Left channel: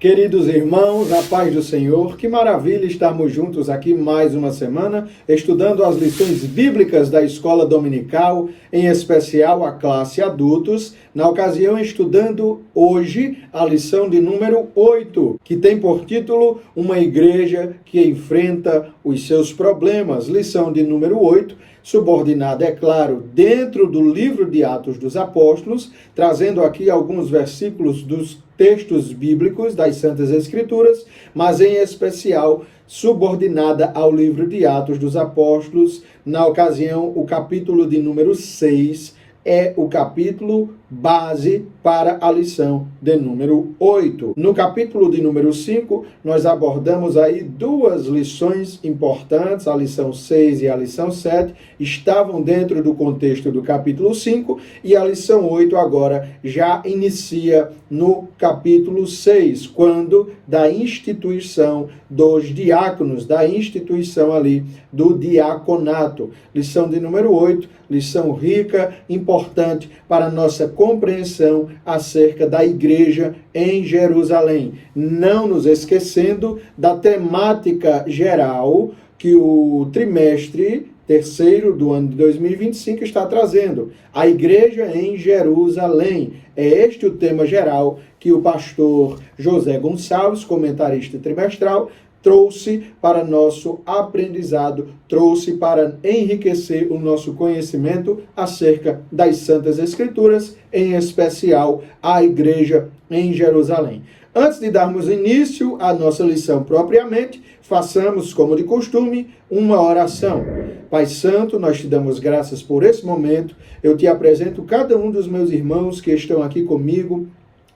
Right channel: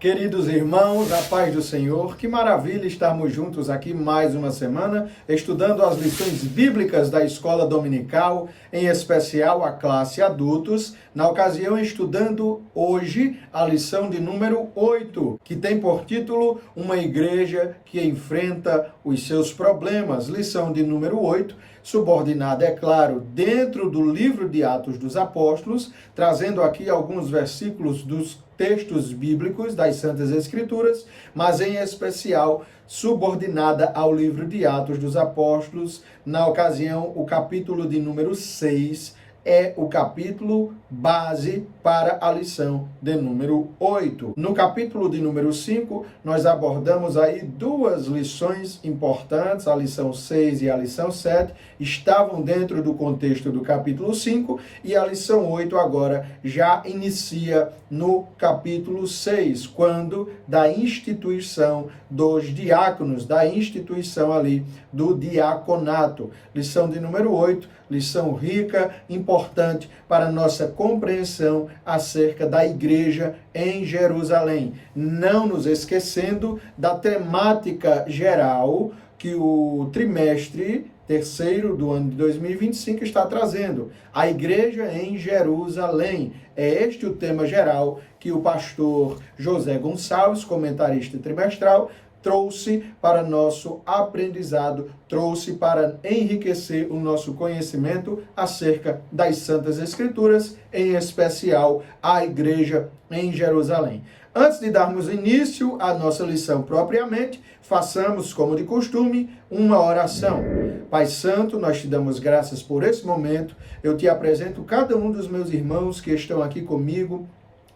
Queridos irmãos, a paz do Senhor, que maravilha estarmos juntos aqui mais uma semana, estudando as lições bíblicas da escola dominical, em especial a classe adultos, na ocasião estudando hoje a lição de número 8, que tem por título Uma Igreja que Enfrenta os Seus Problemas. Lição de número 8, subordinada, é claro, dentro do livro de Atos dos Apóstolos, trazendo aqui alguns versículos dos textos bíblicos das Santas Escrituras, mas em especial subordinada ao livro de Atos dos Apóstolos. Na ocasião, o capítulo de número 6 é o capítulo base para a lição de número 8. No capítulo de número 5, nós abordamos aí duas lições importantes, a lição 6 e a lição 7, estavam dentro do contexto do capítulo 5, e a lição 8 agora já inicia no capítulo 6, quando da instituição dos diáconos, da instituição ali do diaconato. Lição de número 8, lição rica, importante para a nossa compreensão acerca da igreja em Jerusalém. Não nos esquecendo da temática geral que o trimestre terceiro do ano de 2025 está trazendo. A igreja em Jerusalém. É este o tema geral que o pastor José Gonçalves, comentarista trimestral, trouxe para nosso aprendizado, trouxe para enriquecer o nosso conhecimento acerca das Santas Escrituras, em especial a igreja em Jerusalém. Antes de darmos início à nossa lição propriamente, façamos, como de costume, uma oração. Pai Santo, nós te damos graças por esse momento. Eu te apresento cada um dos meus irmãos que estão aqui comigo,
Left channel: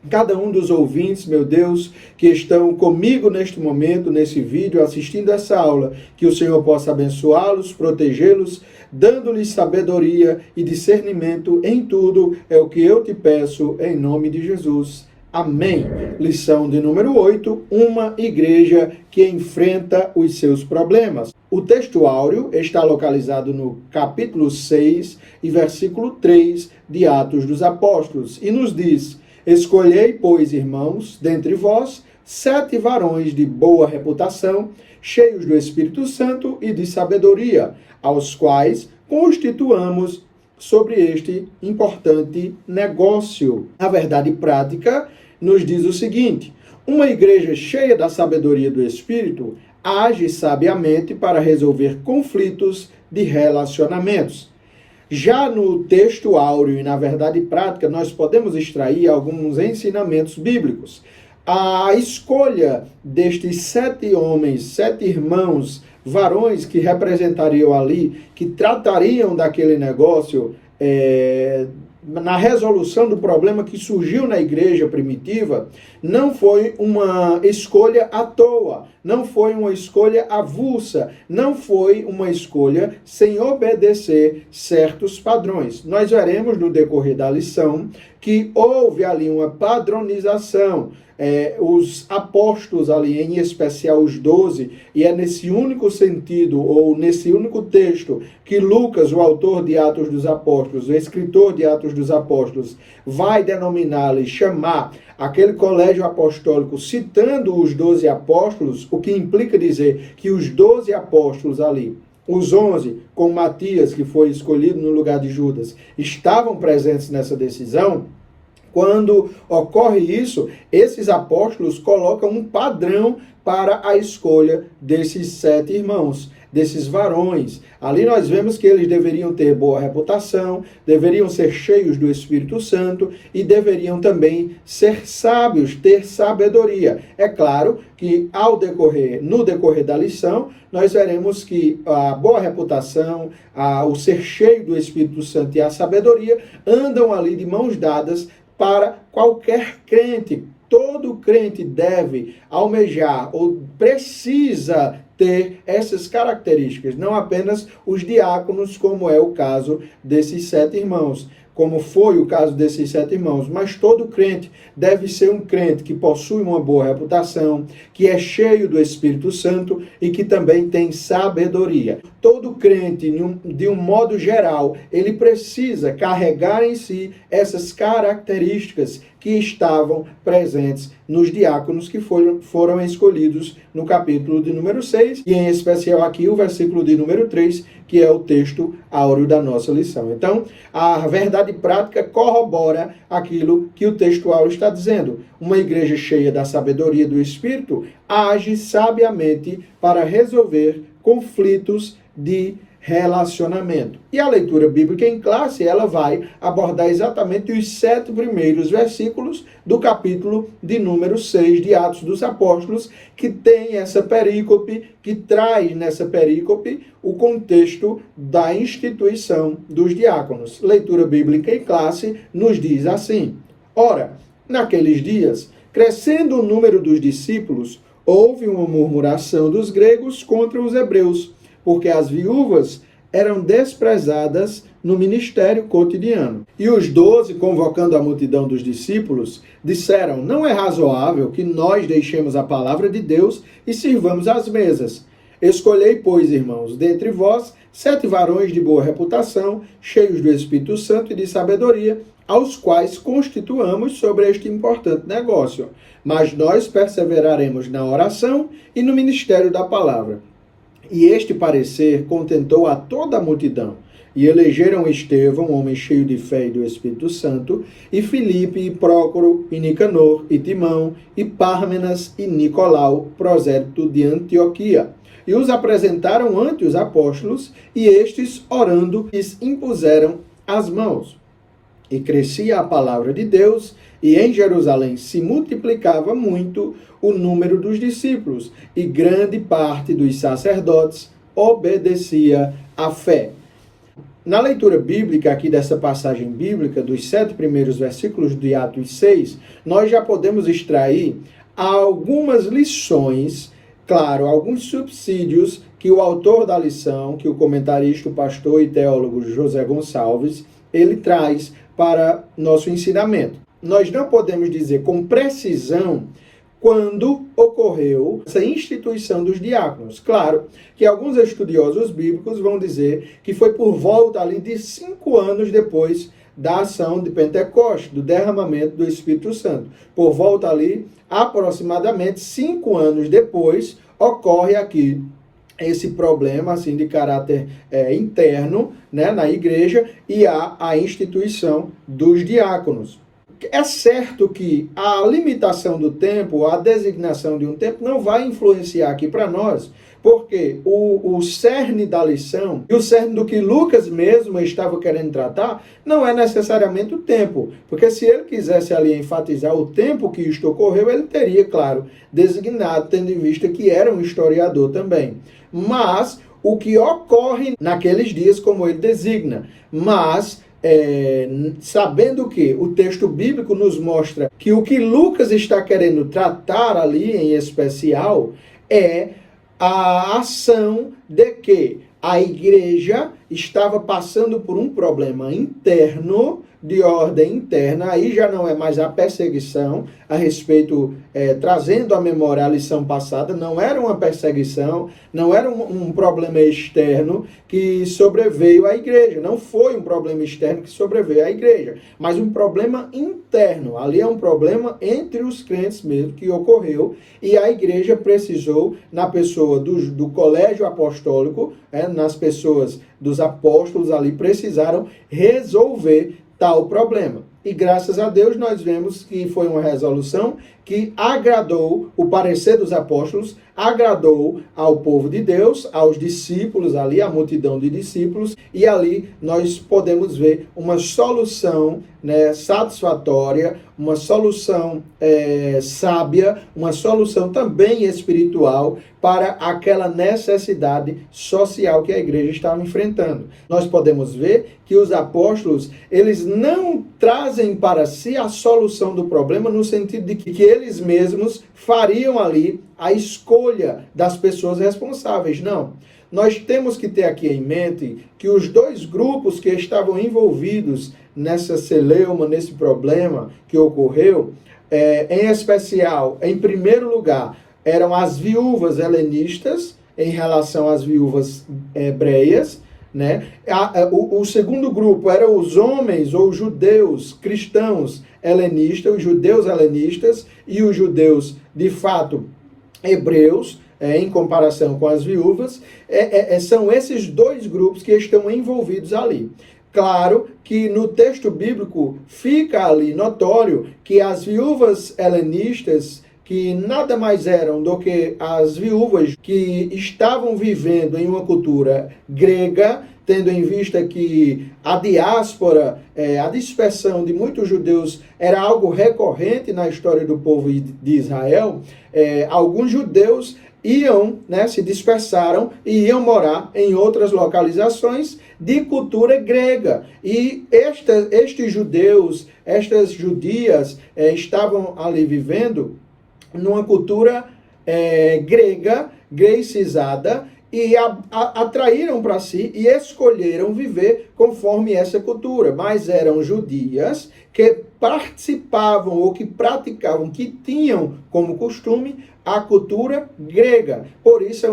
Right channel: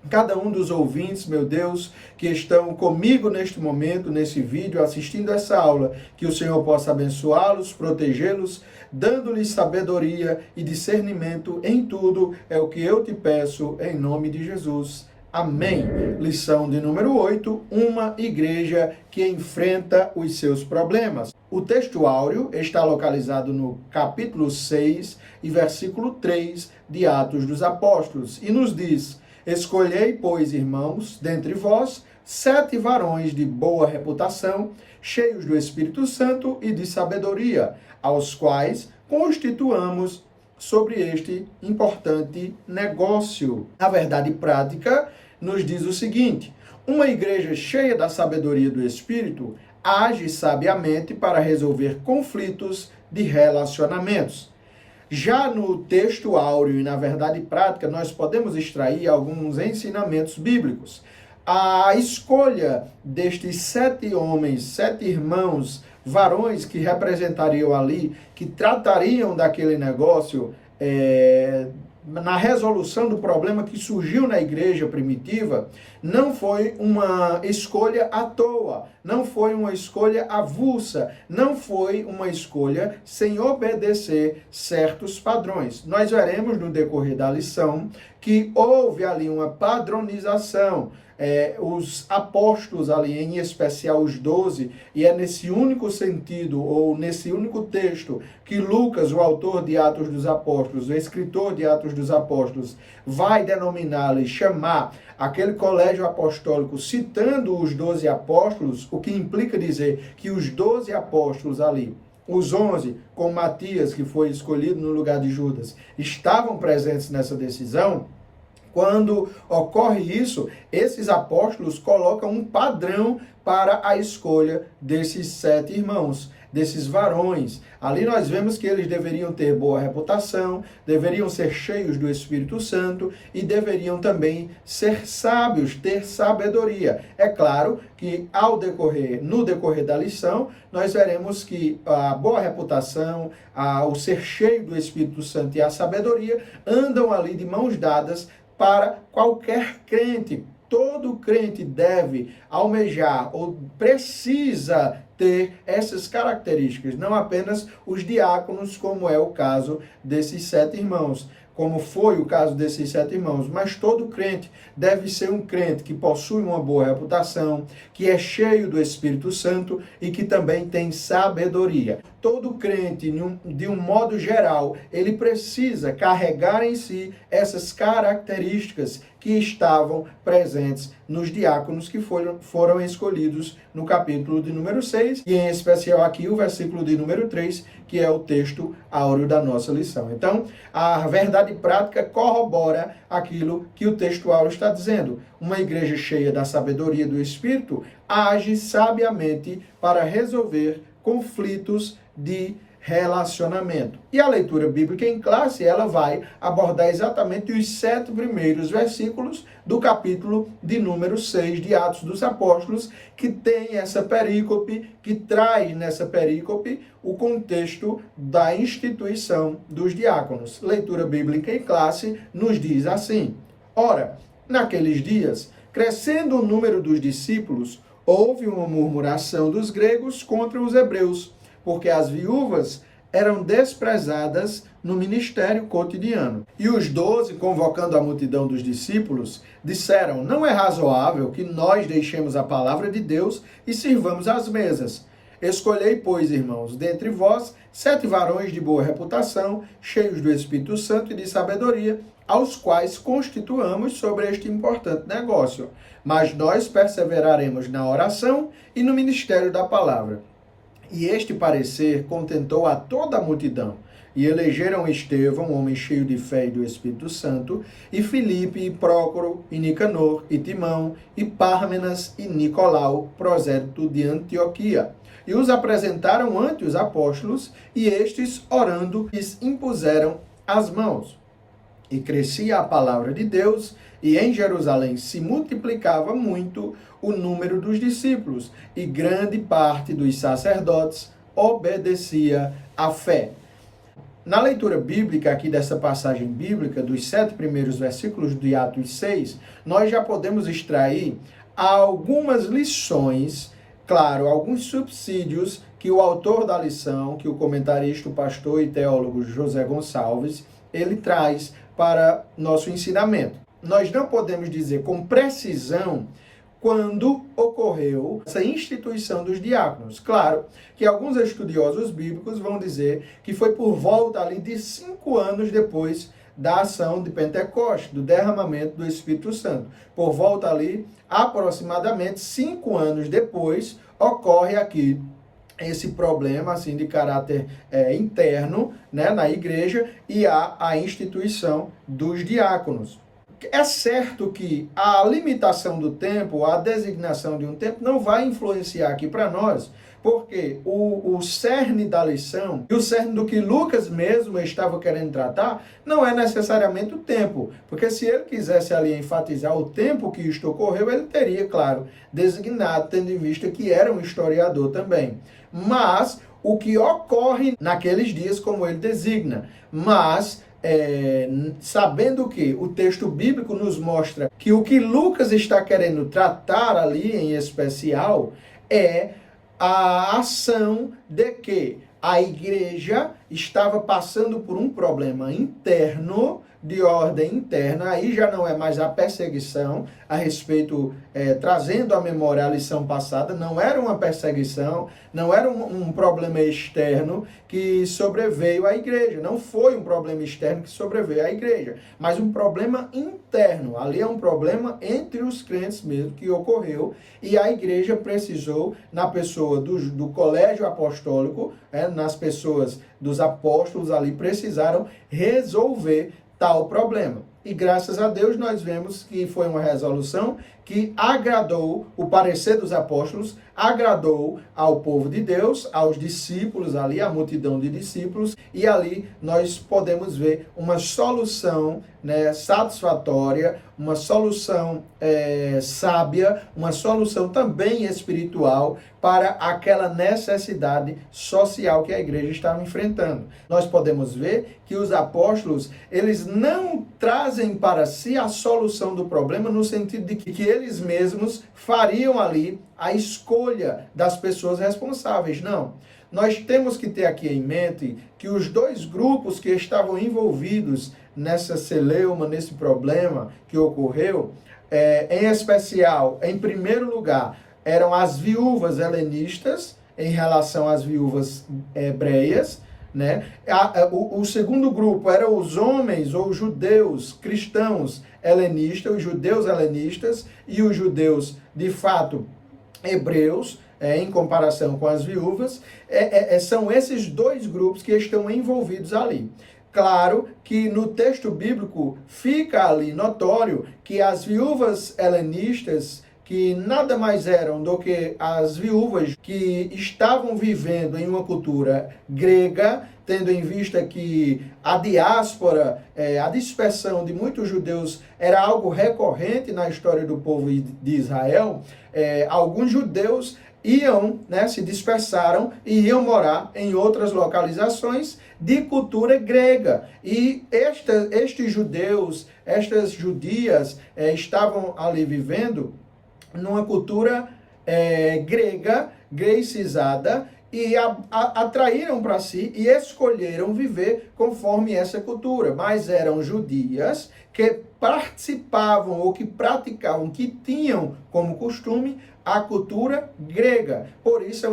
cada um dos ouvintes, meu Deus, que estão comigo neste momento, nesse vídeo, assistindo essa aula, que o Senhor possa abençoá-los, protegê-los, dando-lhes sabedoria e discernimento em tudo, é o que eu te peço, em nome de Jesus. Amém. Lição de número 8, uma igreja que enfrenta os seus problemas. O texto áureo está localizado no capítulo 6 e versículo 3 de Atos dos Apóstolos, e nos diz: escolhei, pois, irmãos, dentre vós, 7 varões de boa reputação, cheios do Espírito Santo e de sabedoria, aos quais constituamos sobre este importante negócio. A verdade prática nos diz o seguinte: uma igreja cheia da sabedoria do Espírito age sabiamente para resolver conflitos de relacionamentos. Já no texto áureo e na verdade prática, nós podemos extrair alguns ensinamentos bíblicos. A escolha destes 7 homens, 7 irmãos, varões que representariam ali, que tratariam daquele negócio, na resolução do problema que surgiu na igreja primitiva, não foi uma escolha à toa, não foi uma escolha avulsa, não foi uma escolha sem obedecer certos padrões. Nós veremos no decorrer da lição que houve ali uma padronização. Os apóstolos ali, em especial os 12, e é nesse único sentido, ou nesse único texto, que Lucas, o autor de Atos dos Apóstolos, o escritor de Atos dos Apóstolos, vai denominá-lo e chamar aquele colégio apostólico, citando os 12 apóstolos, o que implica dizer que os 12 apóstolos ali, os 11, com Matias, que foi escolhido no lugar de Judas, estavam presentes nessa decisão. Quando ocorre isso, esses apóstolos colocam um padrão para a escolha desses 7 irmãos, desses varões. Ali nós vemos que eles deveriam ter boa reputação, deveriam ser cheios do Espírito Santo e deveriam também ser sábios, ter sabedoria. É claro que no decorrer da lição, nós veremos que a boa reputação, o ser cheio do Espírito Santo e a sabedoria andam ali de mãos dadas para qualquer crente. Todo crente deve almejar ou precisa ter essas características, não apenas os diáconos, como é o caso desses 7 irmãos. como foi o caso desses 7 irmãos, mas todo crente deve ser um crente que possui uma boa reputação, que é cheio do Espírito Santo e que também tem sabedoria. Todo crente, de um modo geral, ele precisa carregar em si essas características que estavam presentes nos diáconos que foram escolhidos no capítulo de número 6, e em especial aqui o versículo de número 3, que é o texto áureo da nossa lição. Então, a verdade prática corrobora aquilo que o texto áureo está dizendo. Uma igreja cheia da sabedoria do Espírito age sabiamente para resolver conflitos de relacionamento. E a leitura bíblica em classe, ela vai abordar exatamente os 7 primeiros versículos do capítulo de número 6 de Atos dos Apóstolos, que tem essa perícope, que traz nessa perícope o contexto da instituição dos diáconos. Leitura bíblica em classe nos diz assim: ora, naqueles dias, crescendo o número dos discípulos, houve uma murmuração dos gregos contra os hebreus, porque as viúvas eram desprezadas no ministério cotidiano. E os 12, convocando a multidão dos discípulos, disseram: não é razoável que nós deixemos a palavra de Deus e sirvamos às mesas. Escolhei, pois, irmãos, dentre vós 7 varões de boa reputação, cheios do Espírito Santo e de sabedoria, aos quais constituamos sobre este importante negócio. Mas nós perseveraremos na oração e no ministério da palavra. E este parecer contentou a toda a multidão. E elegeram Estevão, homem cheio de fé e do Espírito Santo, e Filipe, e Prócoro, e Nicanor, e Timão, e Pármenas, e Nicolau, prosélito de Antioquia. E os apresentaram ante os apóstolos, e estes, orando, lhes impuseram as mãos. E crescia a palavra de Deus, e em Jerusalém se multiplicava muito o número dos discípulos, e grande parte dos sacerdotes obedecia à fé. Na leitura bíblica aqui dessa passagem bíblica, dos 7 primeiros versículos de Atos 6, nós já podemos extrair algumas lições, claro, alguns subsídios que o autor da lição, que o comentarista, o pastor e teólogo José Gonçalves, ele traz para nosso ensinamento. Nós não podemos dizer com precisão quando ocorreu essa instituição dos diáconos. Claro que alguns estudiosos bíblicos vão dizer que foi por volta ali de 5 anos depois da ação de Pentecostes, do derramamento do Espírito Santo. Por volta ali, aproximadamente 5 anos depois, ocorre aqui esse problema assim de caráter interno, né, na igreja, e há a instituição dos diáconos. É certo que a limitação do tempo, a designação de um tempo, não vai influenciar aqui para nós, porque o cerne da lição e o cerne do que Lucas mesmo estava querendo tratar não é necessariamente o tempo, porque se ele quisesse ali enfatizar o tempo que isto ocorreu, ele teria, claro, designado, tendo em vista que era um historiador também. Mas o que ocorre naqueles dias, como ele designa, mas sabendo que o texto bíblico nos mostra que o que Lucas está querendo tratar ali em especial é a ação de que a igreja estava passando por um problema interno, de ordem interna, aí já não é mais a perseguição a respeito, trazendo à memória a lição passada, não era uma perseguição, não era um problema externo que sobreveio à igreja, não foi um problema externo que sobreveio à igreja, mas um problema interno, ali é um problema entre os crentes mesmo que ocorreu, e a igreja precisou, na pessoa do colégio apostólico, nas pessoas dos apóstolos ali, precisaram resolver tal problema. E graças a Deus nós vemos que foi uma resolução que agradou o parecer dos apóstolos, agradou ao povo de Deus, aos discípulos ali, a multidão de discípulos, e ali nós podemos ver uma solução, né, satisfatória, uma solução sábia, uma solução também espiritual para aquela necessidade social que a igreja estava enfrentando. Nós podemos ver que os apóstolos, eles não trazem para si a solução do problema no sentido de que eles mesmos fariam ali a escolha das pessoas responsáveis. Não. nós temos que ter aqui em mente que os dois grupos que estavam envolvidos nessa celeuma, nesse problema que ocorreu, em especial, em primeiro lugar, eram as viúvas helenistas em relação às viúvas hebreias, né? O segundo grupo eram os homens ou judeus cristãos helenistas, os judeus helenistas e os judeus, de fato, hebreus, em comparação com as viúvas. São esses dois grupos que estão envolvidos ali. Claro que no texto bíblico fica ali notório que as viúvas helenistas, que nada mais eram do que as viúvas que estavam vivendo em uma cultura grega, tendo em vista que a diáspora, a dispersão de muitos judeus era algo recorrente na história do povo de Israel. Alguns judeus se dispersaram e iam morar em outras localizações de cultura grega. E estes judeus, estas judias, estavam ali vivendo numa cultura grega, grecizada, e atraíram para si e escolheram viver conforme essa cultura. Mas eram judias que participavam ou que praticavam, que tinham como costume a cultura grega. Por isso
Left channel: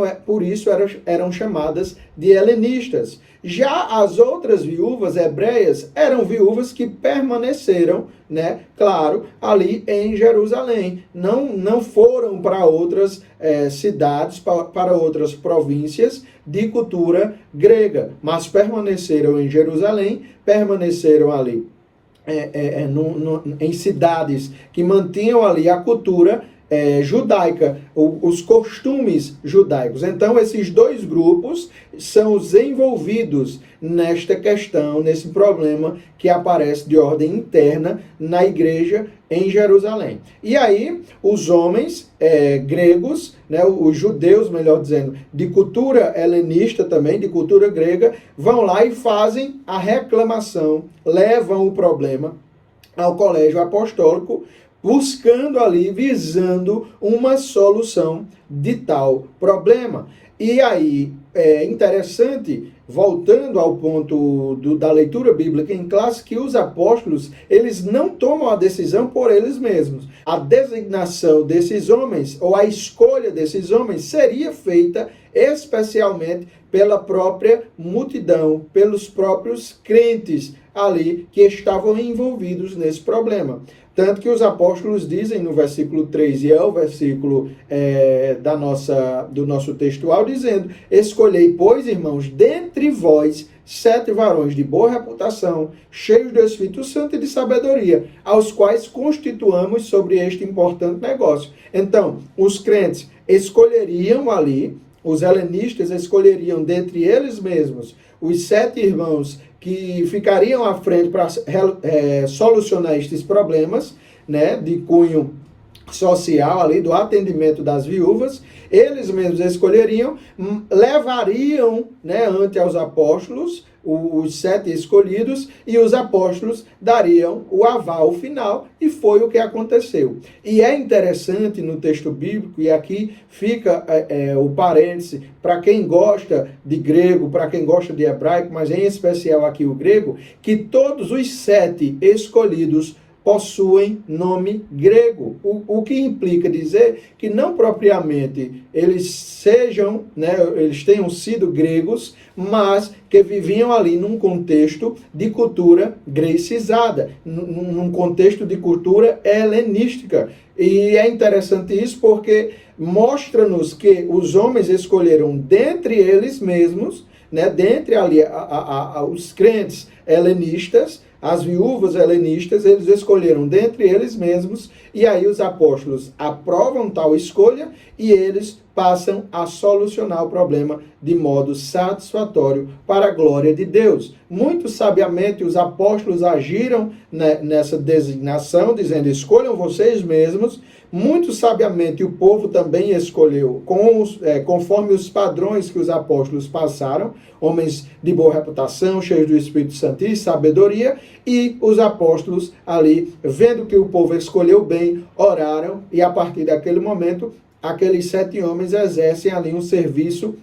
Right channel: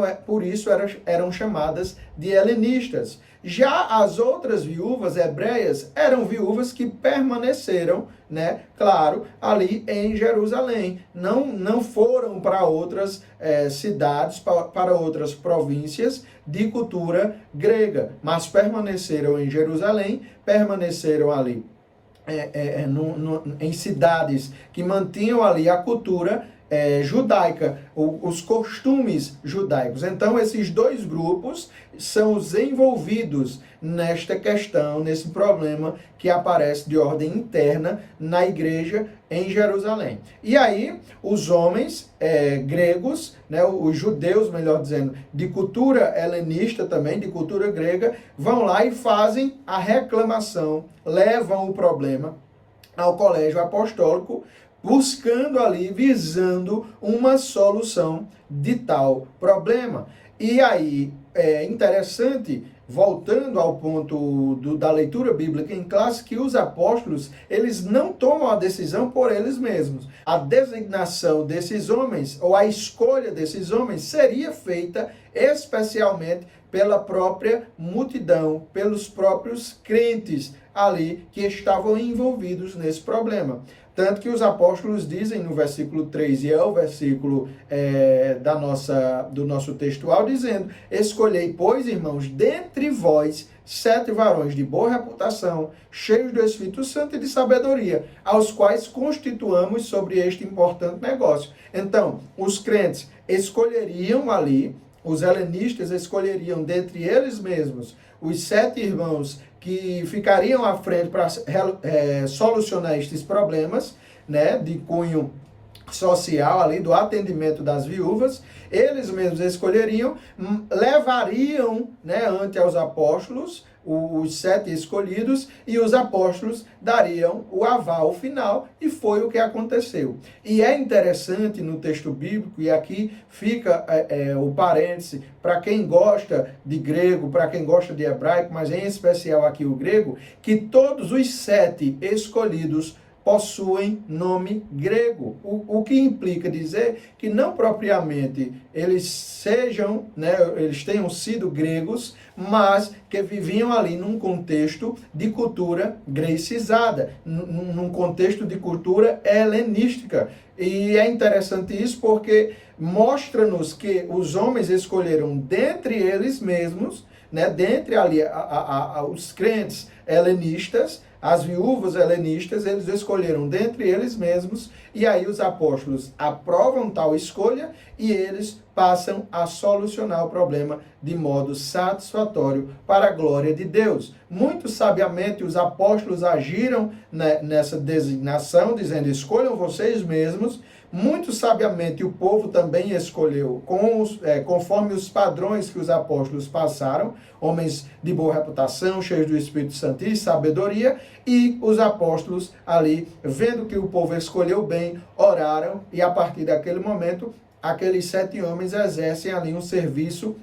eram chamadas de helenistas. Já as outras viúvas hebreias eram viúvas que permaneceram, claro, ali em Jerusalém. Não foram para outras cidades, para outras províncias de cultura grega, mas permaneceram em Jerusalém, permaneceram ali em cidades que mantinham ali a cultura judaica, os costumes judaicos. Então, esses dois grupos são os envolvidos nesta questão, nesse problema que aparece de ordem interna na igreja em Jerusalém. E aí, os homens gregos, os judeus, melhor dizendo, de cultura helenista também, de cultura grega, vão lá e fazem a reclamação, levam o problema ao colégio apostólico, buscando ali, visando uma solução de tal problema. E aí, é interessante, voltando ao ponto da leitura bíblica em classe, que os apóstolos, eles não tomam a decisão por eles mesmos. A designação desses homens, ou a escolha desses homens, seria feita especialmente pela própria multidão, pelos próprios crentes ali que estavam envolvidos nesse problema. Tanto que os apóstolos dizem no versículo 3, e é o versículo do nosso textual, dizendo: escolhei, pois, irmãos, dentre vós 7 varões de boa reputação, cheios do Espírito Santo e de sabedoria, aos quais constituamos sobre este importante negócio. Então, os crentes escolheriam ali, os helenistas escolheriam dentre eles mesmos os 7 irmãos que ficariam à frente para solucionar estes problemas, de cunho social ali, do atendimento das viúvas. Eles mesmos escolheriam, levariam ante aos apóstolos os 7 escolhidos, e os apóstolos dariam o aval final, e foi o que aconteceu. E é interessante no texto bíblico, e aqui fica o parêntese, para quem gosta de grego, para quem gosta de hebraico, mas em especial aqui o grego, que todos os 7 escolhidos possuem nome grego, o que implica dizer que não propriamente eles eles tenham sido gregos, mas que viviam ali num contexto de cultura grecizada, num contexto de cultura helenística. E é interessante isso porque mostra-nos que os homens escolheram dentre eles mesmos, dentre ali os crentes helenistas, as viúvas helenistas, eles escolheram dentre eles mesmos, e aí os apóstolos aprovam tal escolha e eles passam a solucionar o problema de modo satisfatório para a glória de Deus. Muito sabiamente os apóstolos agiram nessa designação, dizendo: escolham vocês mesmos. Muito sabiamente o povo também escolheu, conforme os padrões que os apóstolos passaram, homens de boa reputação, cheios do Espírito Santo e sabedoria, e os apóstolos ali, vendo que o povo escolheu bem, oraram, e a partir daquele momento, aqueles 7 homens exercem ali um serviço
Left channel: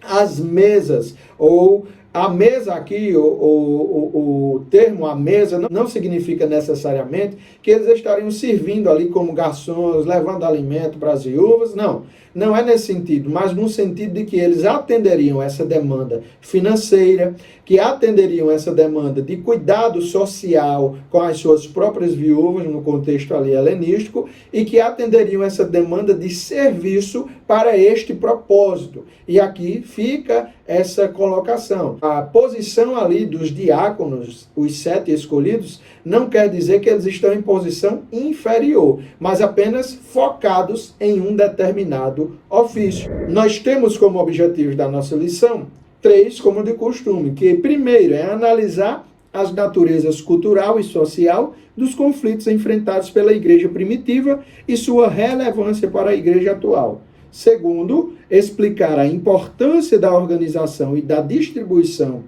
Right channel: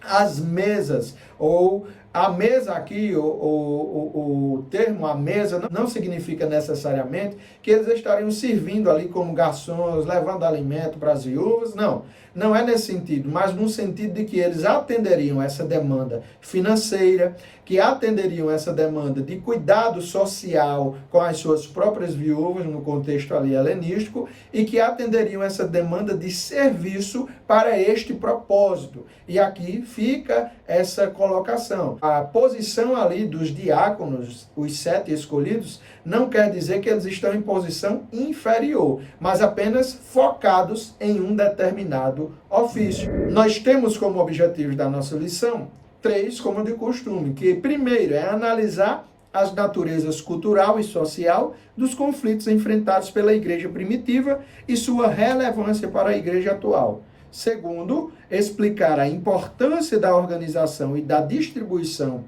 as mesas, ou a mesa aqui, o termo a mesa, não significa necessariamente que eles estariam servindo ali como garçons, levando alimento para as viúvas, não é nesse sentido, mas no sentido de que eles atenderiam essa demanda financeira, que atenderiam essa demanda de cuidado social com as suas próprias viúvas, no contexto ali helenístico, e que atenderiam essa demanda de serviço para este propósito. E aqui fica essa colocação. A posição ali dos diáconos, os 7 escolhidos, não quer dizer que eles estão em posição inferior, mas apenas focados em um determinado ofício. Nós temos como objetivos da nossa lição 3, como de costume, que primeiro é analisar as naturezas cultural e social dos conflitos enfrentados pela igreja primitiva e sua relevância para a igreja atual. Segundo, explicar a importância da organização e da distribuição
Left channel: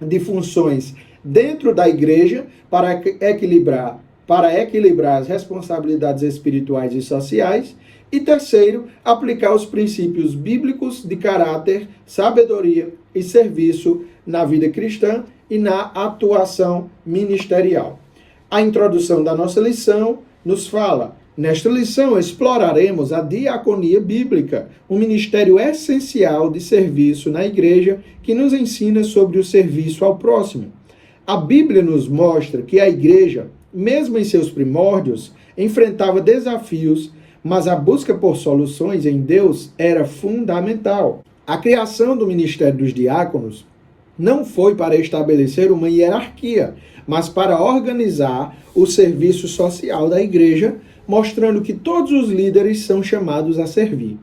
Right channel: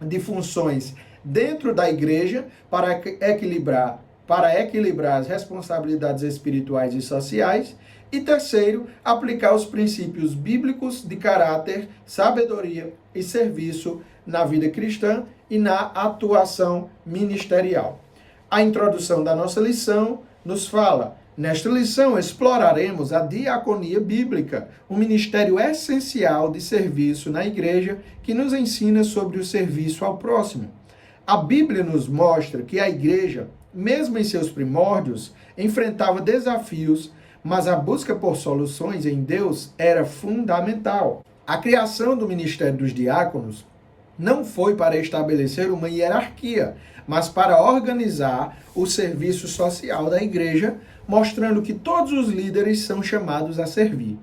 de funções dentro da igreja para equilibrar as responsabilidades espirituais e sociais. E terceiro, aplicar os princípios bíblicos de caráter, sabedoria e serviço na vida cristã e na atuação ministerial. A introdução da nossa lição nos fala: nesta lição exploraremos a diaconia bíblica, um ministério essencial de serviço na igreja que nos ensina sobre o serviço ao próximo. A Bíblia nos mostra que a igreja, mesmo em seus primórdios, enfrentava desafios, mas a busca por soluções em Deus era fundamental. A criação do ministério dos diáconos não foi para estabelecer uma hierarquia, mas para organizar o serviço social da igreja, mostrando que todos os líderes são chamados a servir.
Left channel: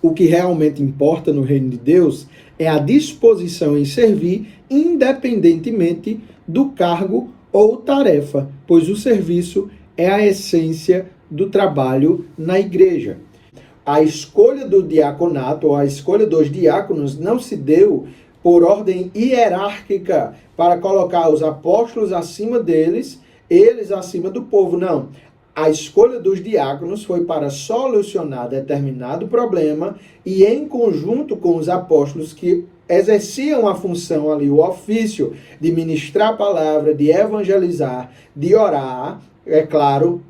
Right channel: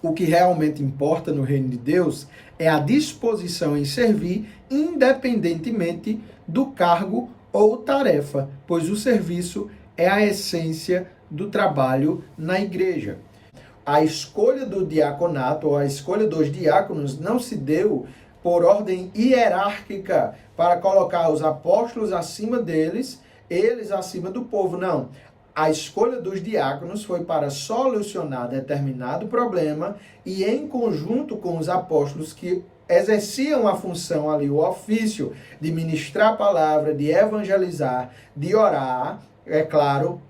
O que realmente importa no reino de Deus é a disposição em servir, independentemente do cargo ou tarefa, pois o serviço é a essência do trabalho na igreja. A escolha do diaconato, ou a escolha dos diáconos, não se deu por ordem hierárquica, para colocar os apóstolos acima deles, eles acima do povo, não. A escolha dos diáconos foi para solucionar determinado problema e, em conjunto com os apóstolos que exerciam a função ali, o ofício de ministrar a palavra, de evangelizar, de orar, é claro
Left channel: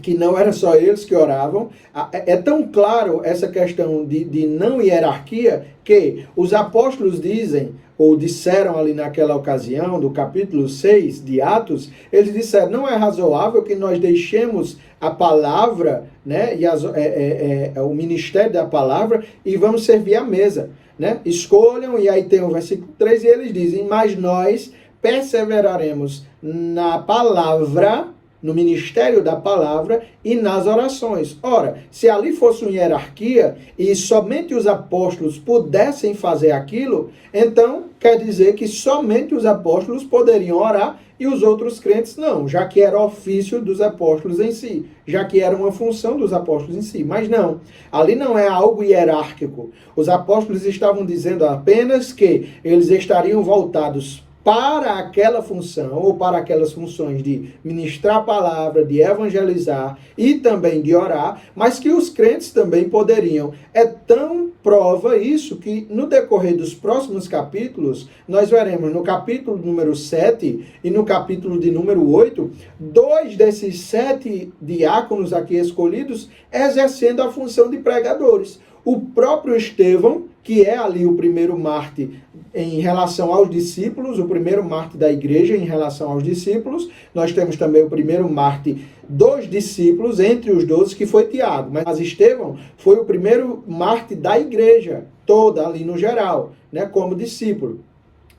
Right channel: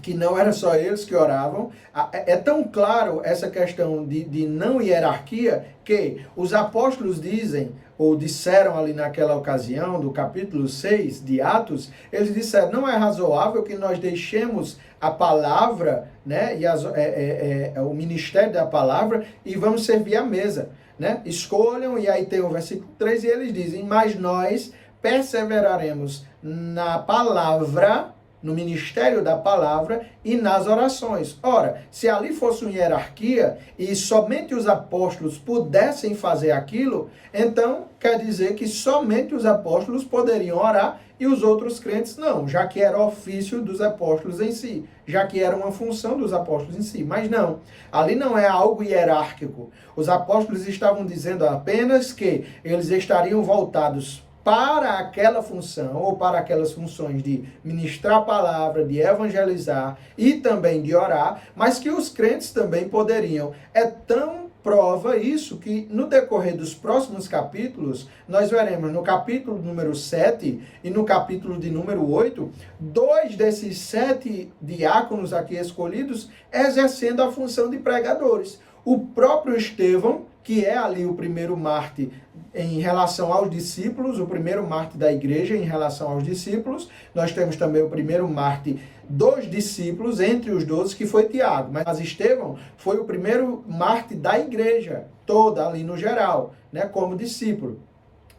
que não era só eles que oravam. É tão claro essa questão de não hierarquia que os apóstolos dizem, ou disseram ali naquela ocasião, do capítulo 6 de Atos, eles disseram: não é razoável que nós deixemos a palavra, né, e o ministério da palavra e vamos servir a mesa, né? Escolham, e aí tem o versículo 3, e eles dizem: mas nós perseveraremos na palavra, no ministério da palavra e nas orações. Ora, se ali fosse uma hierarquia e somente os apóstolos pudessem fazer aquilo, então quer dizer que somente os apóstolos poderiam orar e os outros crentes não, já que era ofício dos apóstolos em si, já que era uma função dos apóstolos em si. Mas não, ali não é algo hierárquico. Os apóstolos estavam dizendo apenas que eles estariam voltados para aquela função, ou para aquelas funções de ministrar a palavra, de evangelizar e também de orar, mas que os crentes também poderiam. É tão prova isso que no decorrer dos próximos capítulos, nós veremos no capítulo número 7 e no capítulo de número 8, 2 desses 7 diáconos aqui escolhidos exercendo a função de pregadores. O próprio Estevão, que é ali o primeiro mártir em relação aos discípulos, o primeiro mártir da igreja em relação aos discípulos. Nós temos também o primeiro mártir dos discípulos, entre os 12, que foi Tiago. Mas Estevão foi o primeiro mártir da igreja toda, ali no geral, né, como discípulo.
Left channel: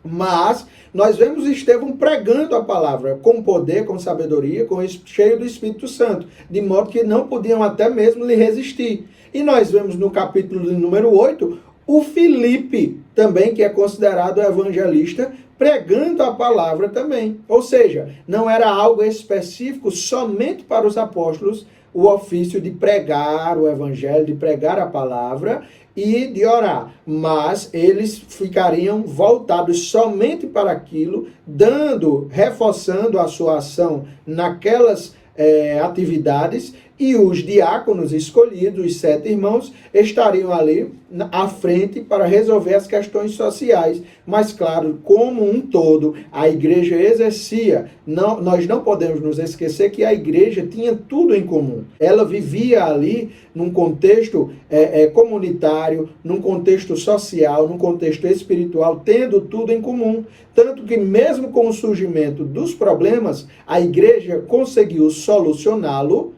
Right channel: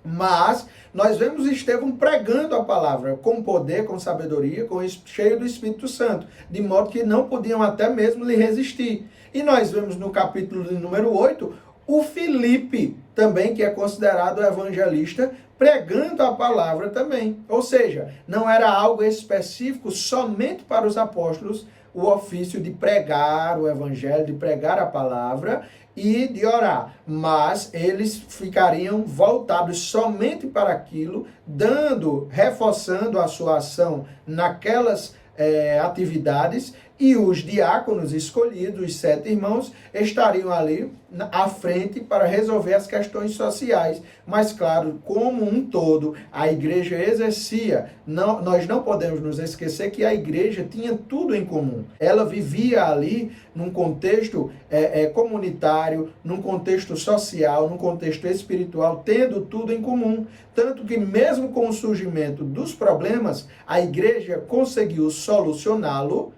Mas nós vemos Estevão pregando a palavra com poder, com sabedoria, cheio do Espírito Santo, de modo que não podiam até mesmo lhe resistir. E nós vemos no capítulo de número 8, o Filipe, também, que é considerado evangelista, pregando a palavra também. Ou seja, não era algo específico somente para os apóstolos, o ofício de pregar o evangelho, de pregar a palavra e de orar. Mas eles ficariam voltados somente para aquilo, reforçando a sua ação naquelas atividades e os diáconos escolhidos, os 7 irmãos, estariam ali à frente para resolver as questões sociais. Mas, claro, como um todo, a igreja exercia. Nós não podemos nos esquecer que a igreja tinha tudo em comum. Ela vivia ali num contexto comunitário, num contexto social, num contexto espiritual, tendo tudo em comum. Tanto que mesmo com o surgimento dos problemas, a igreja conseguiu solucioná-los,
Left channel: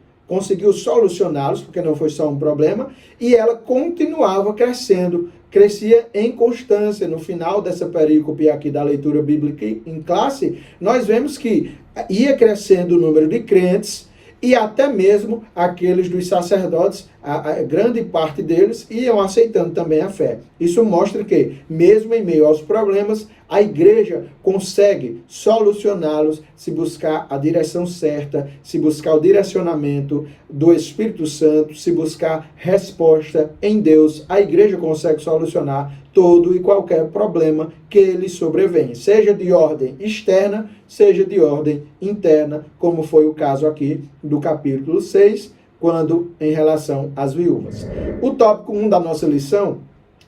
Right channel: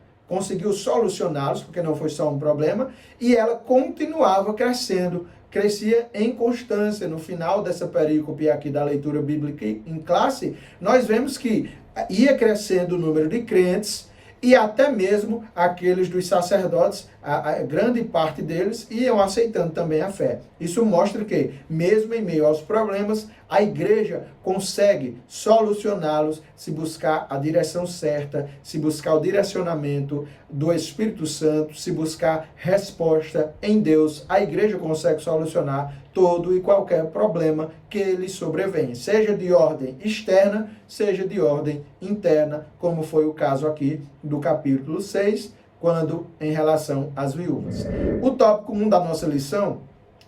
porque não foi só um problema, e ela continuava crescendo, crescia em constância. No final dessa perícope aqui da leitura bíblica em classe, nós vemos que ia crescendo o número de crentes, e até mesmo aqueles dos sacerdotes, a grande parte deles iam aceitando também a fé. Isso mostra que, mesmo em meio aos problemas, a igreja consegue solucioná-los se buscar a direção certa, se buscar o direcionamento do Espírito Santo, se buscar resposta em Deus. A igreja consegue solucionar todo e qualquer problema que lhe sobrevém, seja de ordem externa, seja de ordem interna, como foi o caso aqui do capítulo 6, quando em relação às viúvas. O tópico 1 da nossa lição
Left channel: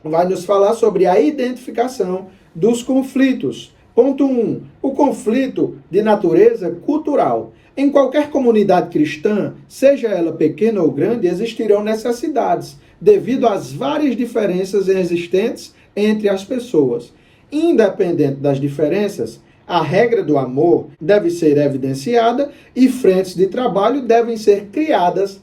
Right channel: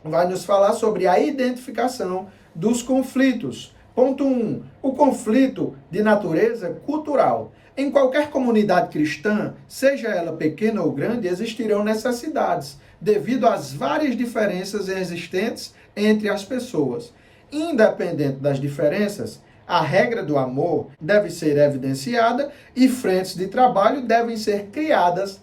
vai nos falar sobre a identificação dos conflitos. Ponto 1. O conflito de natureza cultural. Em qualquer comunidade cristã, seja ela pequena ou grande, existirão necessidades, devido às várias diferenças existentes entre as pessoas. Independente das diferenças, a regra do amor deve ser evidenciada e frentes de trabalho devem ser criadas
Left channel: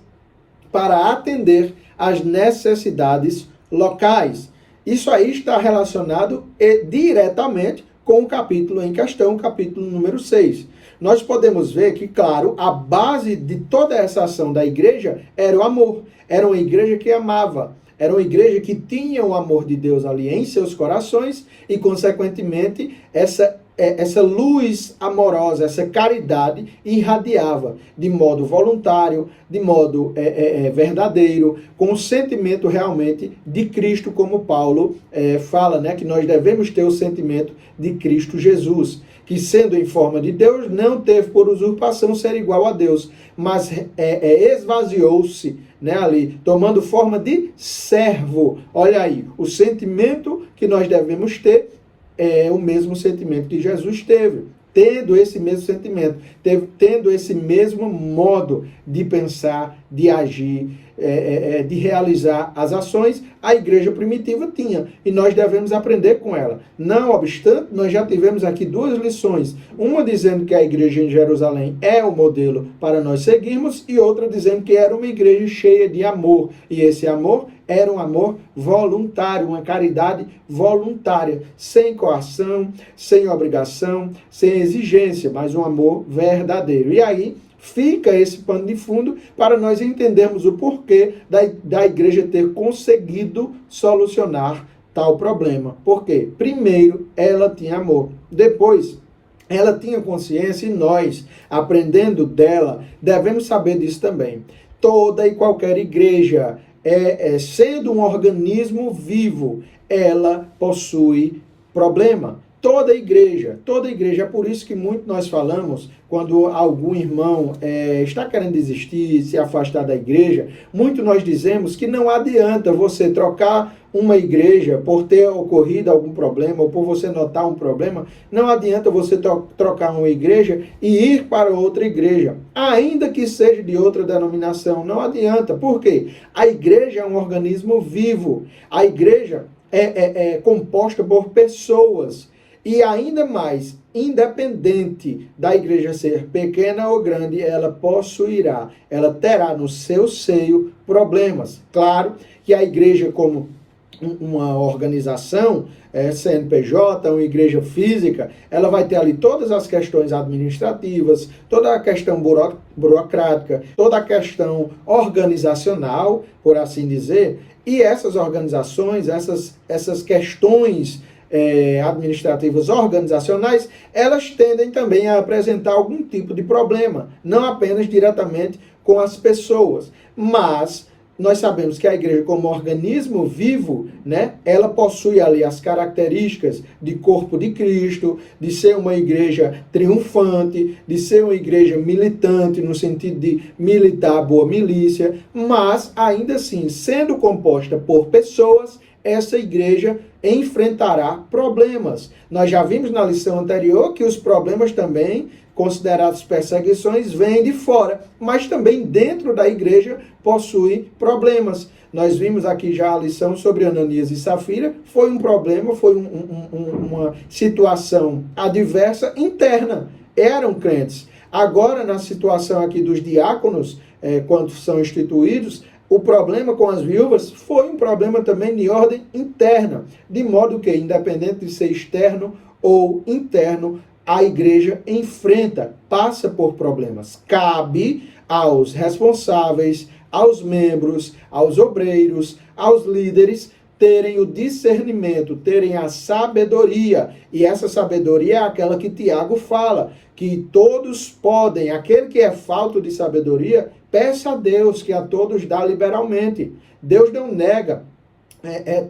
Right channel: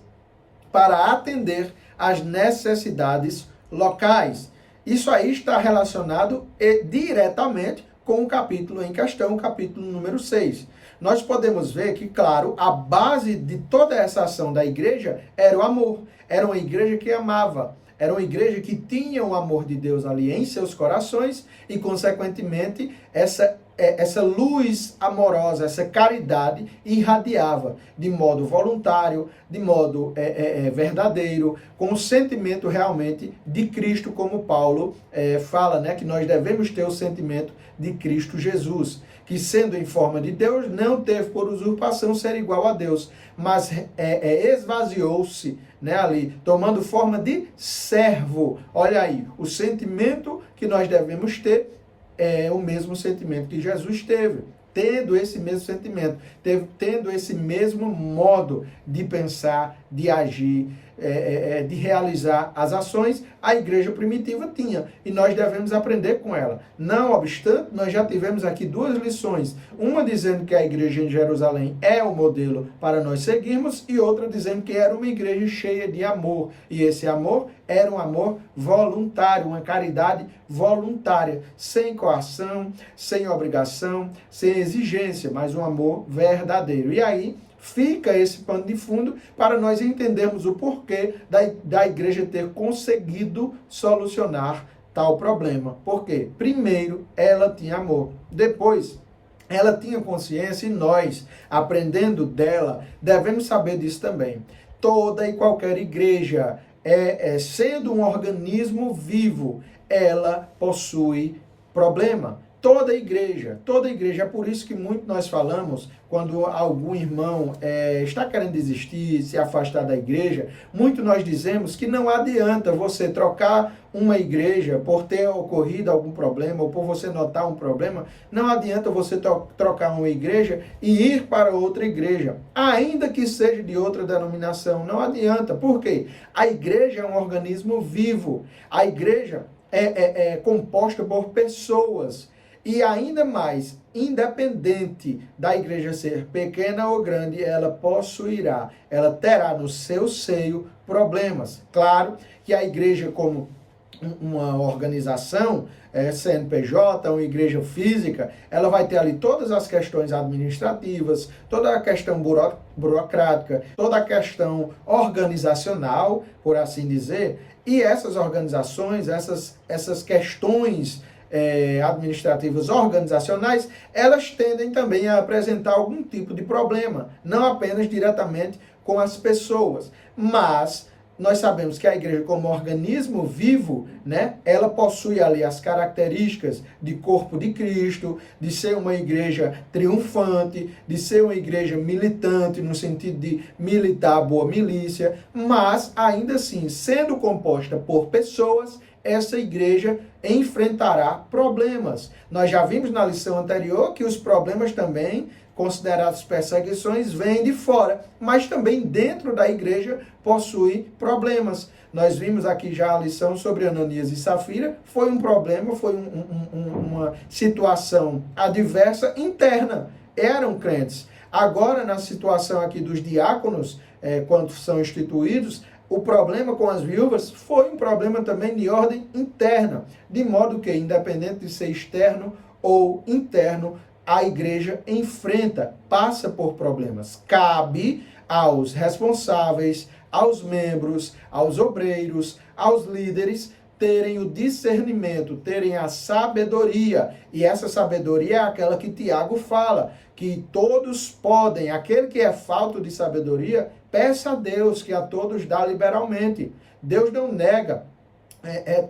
para atender às necessidades locais. Isso aí está relacionado diretamente com o capítulo em questão, o capítulo número 6. Nós podemos ver que, claro, a base de toda essa ação da igreja era o amor. Era uma igreja que amava. Era uma igreja que tinha o amor de Deus ali em seus corações e, consequentemente, essa luz amorosa, essa caridade irradiava de modo voluntário, de modo verdadeiro, com o sentimento realmente de Cristo, como Paulo fala, né, que nós devemos ter o sentimento de Cristo Jesus, que sendo em forma de Deus, não teve por usurpação ser igual a Deus, mas esvaziou-se, né, ali, tomando forma de servo. Olha aí, o sentimento que nós devemos ter é o mesmo sentimento que Jesus teve, tendo esse mesmo sentimento, tendo esse mesmo modo de pensar, de agir, de realizar as ações, a igreja primitiva tinha, e nós devemos aprender com ela. Não obstante, nós já tivemos aqui 2 lições, uma dizendo que a igreja em Jerusalém é o modelo para nós seguirmos, e outra dizendo que era uma igreja cheia de amor, e esse amor era um amor voluntário, uma caridade voluntária, sem coação, sem obrigação, sem exigência, mas um amor verdadeiro. E aí fica esse pano de fundo para nós entendermos o porquê da igreja ter conseguido solucionar tal problema. Por quê? Primeiro, ela tinha amor. Depois, ela tinha consciência, e nós, aprendendo dela, devemos saber disso também. Toda e qualquer igreja, sendo um organismo vivo, ela possui problema. Toda igreja, é por isso que muito nós falamos, quando algum irmão está querendo desistir, se afastar da igreja, muito nós dizemos que não adianta você trocar uma igreja por ter ocorrido algum problema, ou por você notar um problema, não adianta você trocar uma igreja e ir para outra igreja, ainda que seja de outra denominação, não adianta. Por quê? A igreja é um organismo vivo, a igreja é composta por pessoas. E ainda mais, independente da igreja ser pequena ou grande, ela possuirá, ela terá no seu seio problemas. Claro que a igreja, como uma organização, CNPJ, uma igreja física, ela vai ter ali todas as questões administrativas, toda a questão burocrática, toda a questão organizacional, por assim dizer, e essas organizações, essas questões administrativas organizacionais, elas tendem também a apresentar algum tipo de problema, não apenas diretamente com as pessoas, mas nós sabemos que a igreja, como organismo vivo, né, ela possui ali as características de corpo de Cristo, de ser uma igreja triunfante, de ser uma igreja militante, no sentido de militar a boa milícia, mas, ainda assim, sendo composta por pessoas, essa igreja enfrentará problemas. Nós já vimos na lição anterior que os problemas também, considerados perseguições, vêm de fora, mas também dentro da igreja possui problemas. Nós vimos aqui já a lição sobre Ananias e Safira, foi um problema, foi uma situação adversa interna, eram crentes. Agora, na situação aqui dos diáconos, quando são instituídos, o problema com as viúvas foi um problema também de ordem interna, de modo que, independente de ser externo ou interno, a igreja enfrenta, passa por problemas. Cabe aos responsáveis, aos membros, aos obreiros, aos líderes, terem o discernimento, terem a sabedoria. E essa sabedoria é aquela que Tiago fala, que todos podem, aquele que é falto de sabedoria, peça a Deus, que a todos dá liberalmente. Deus não nega.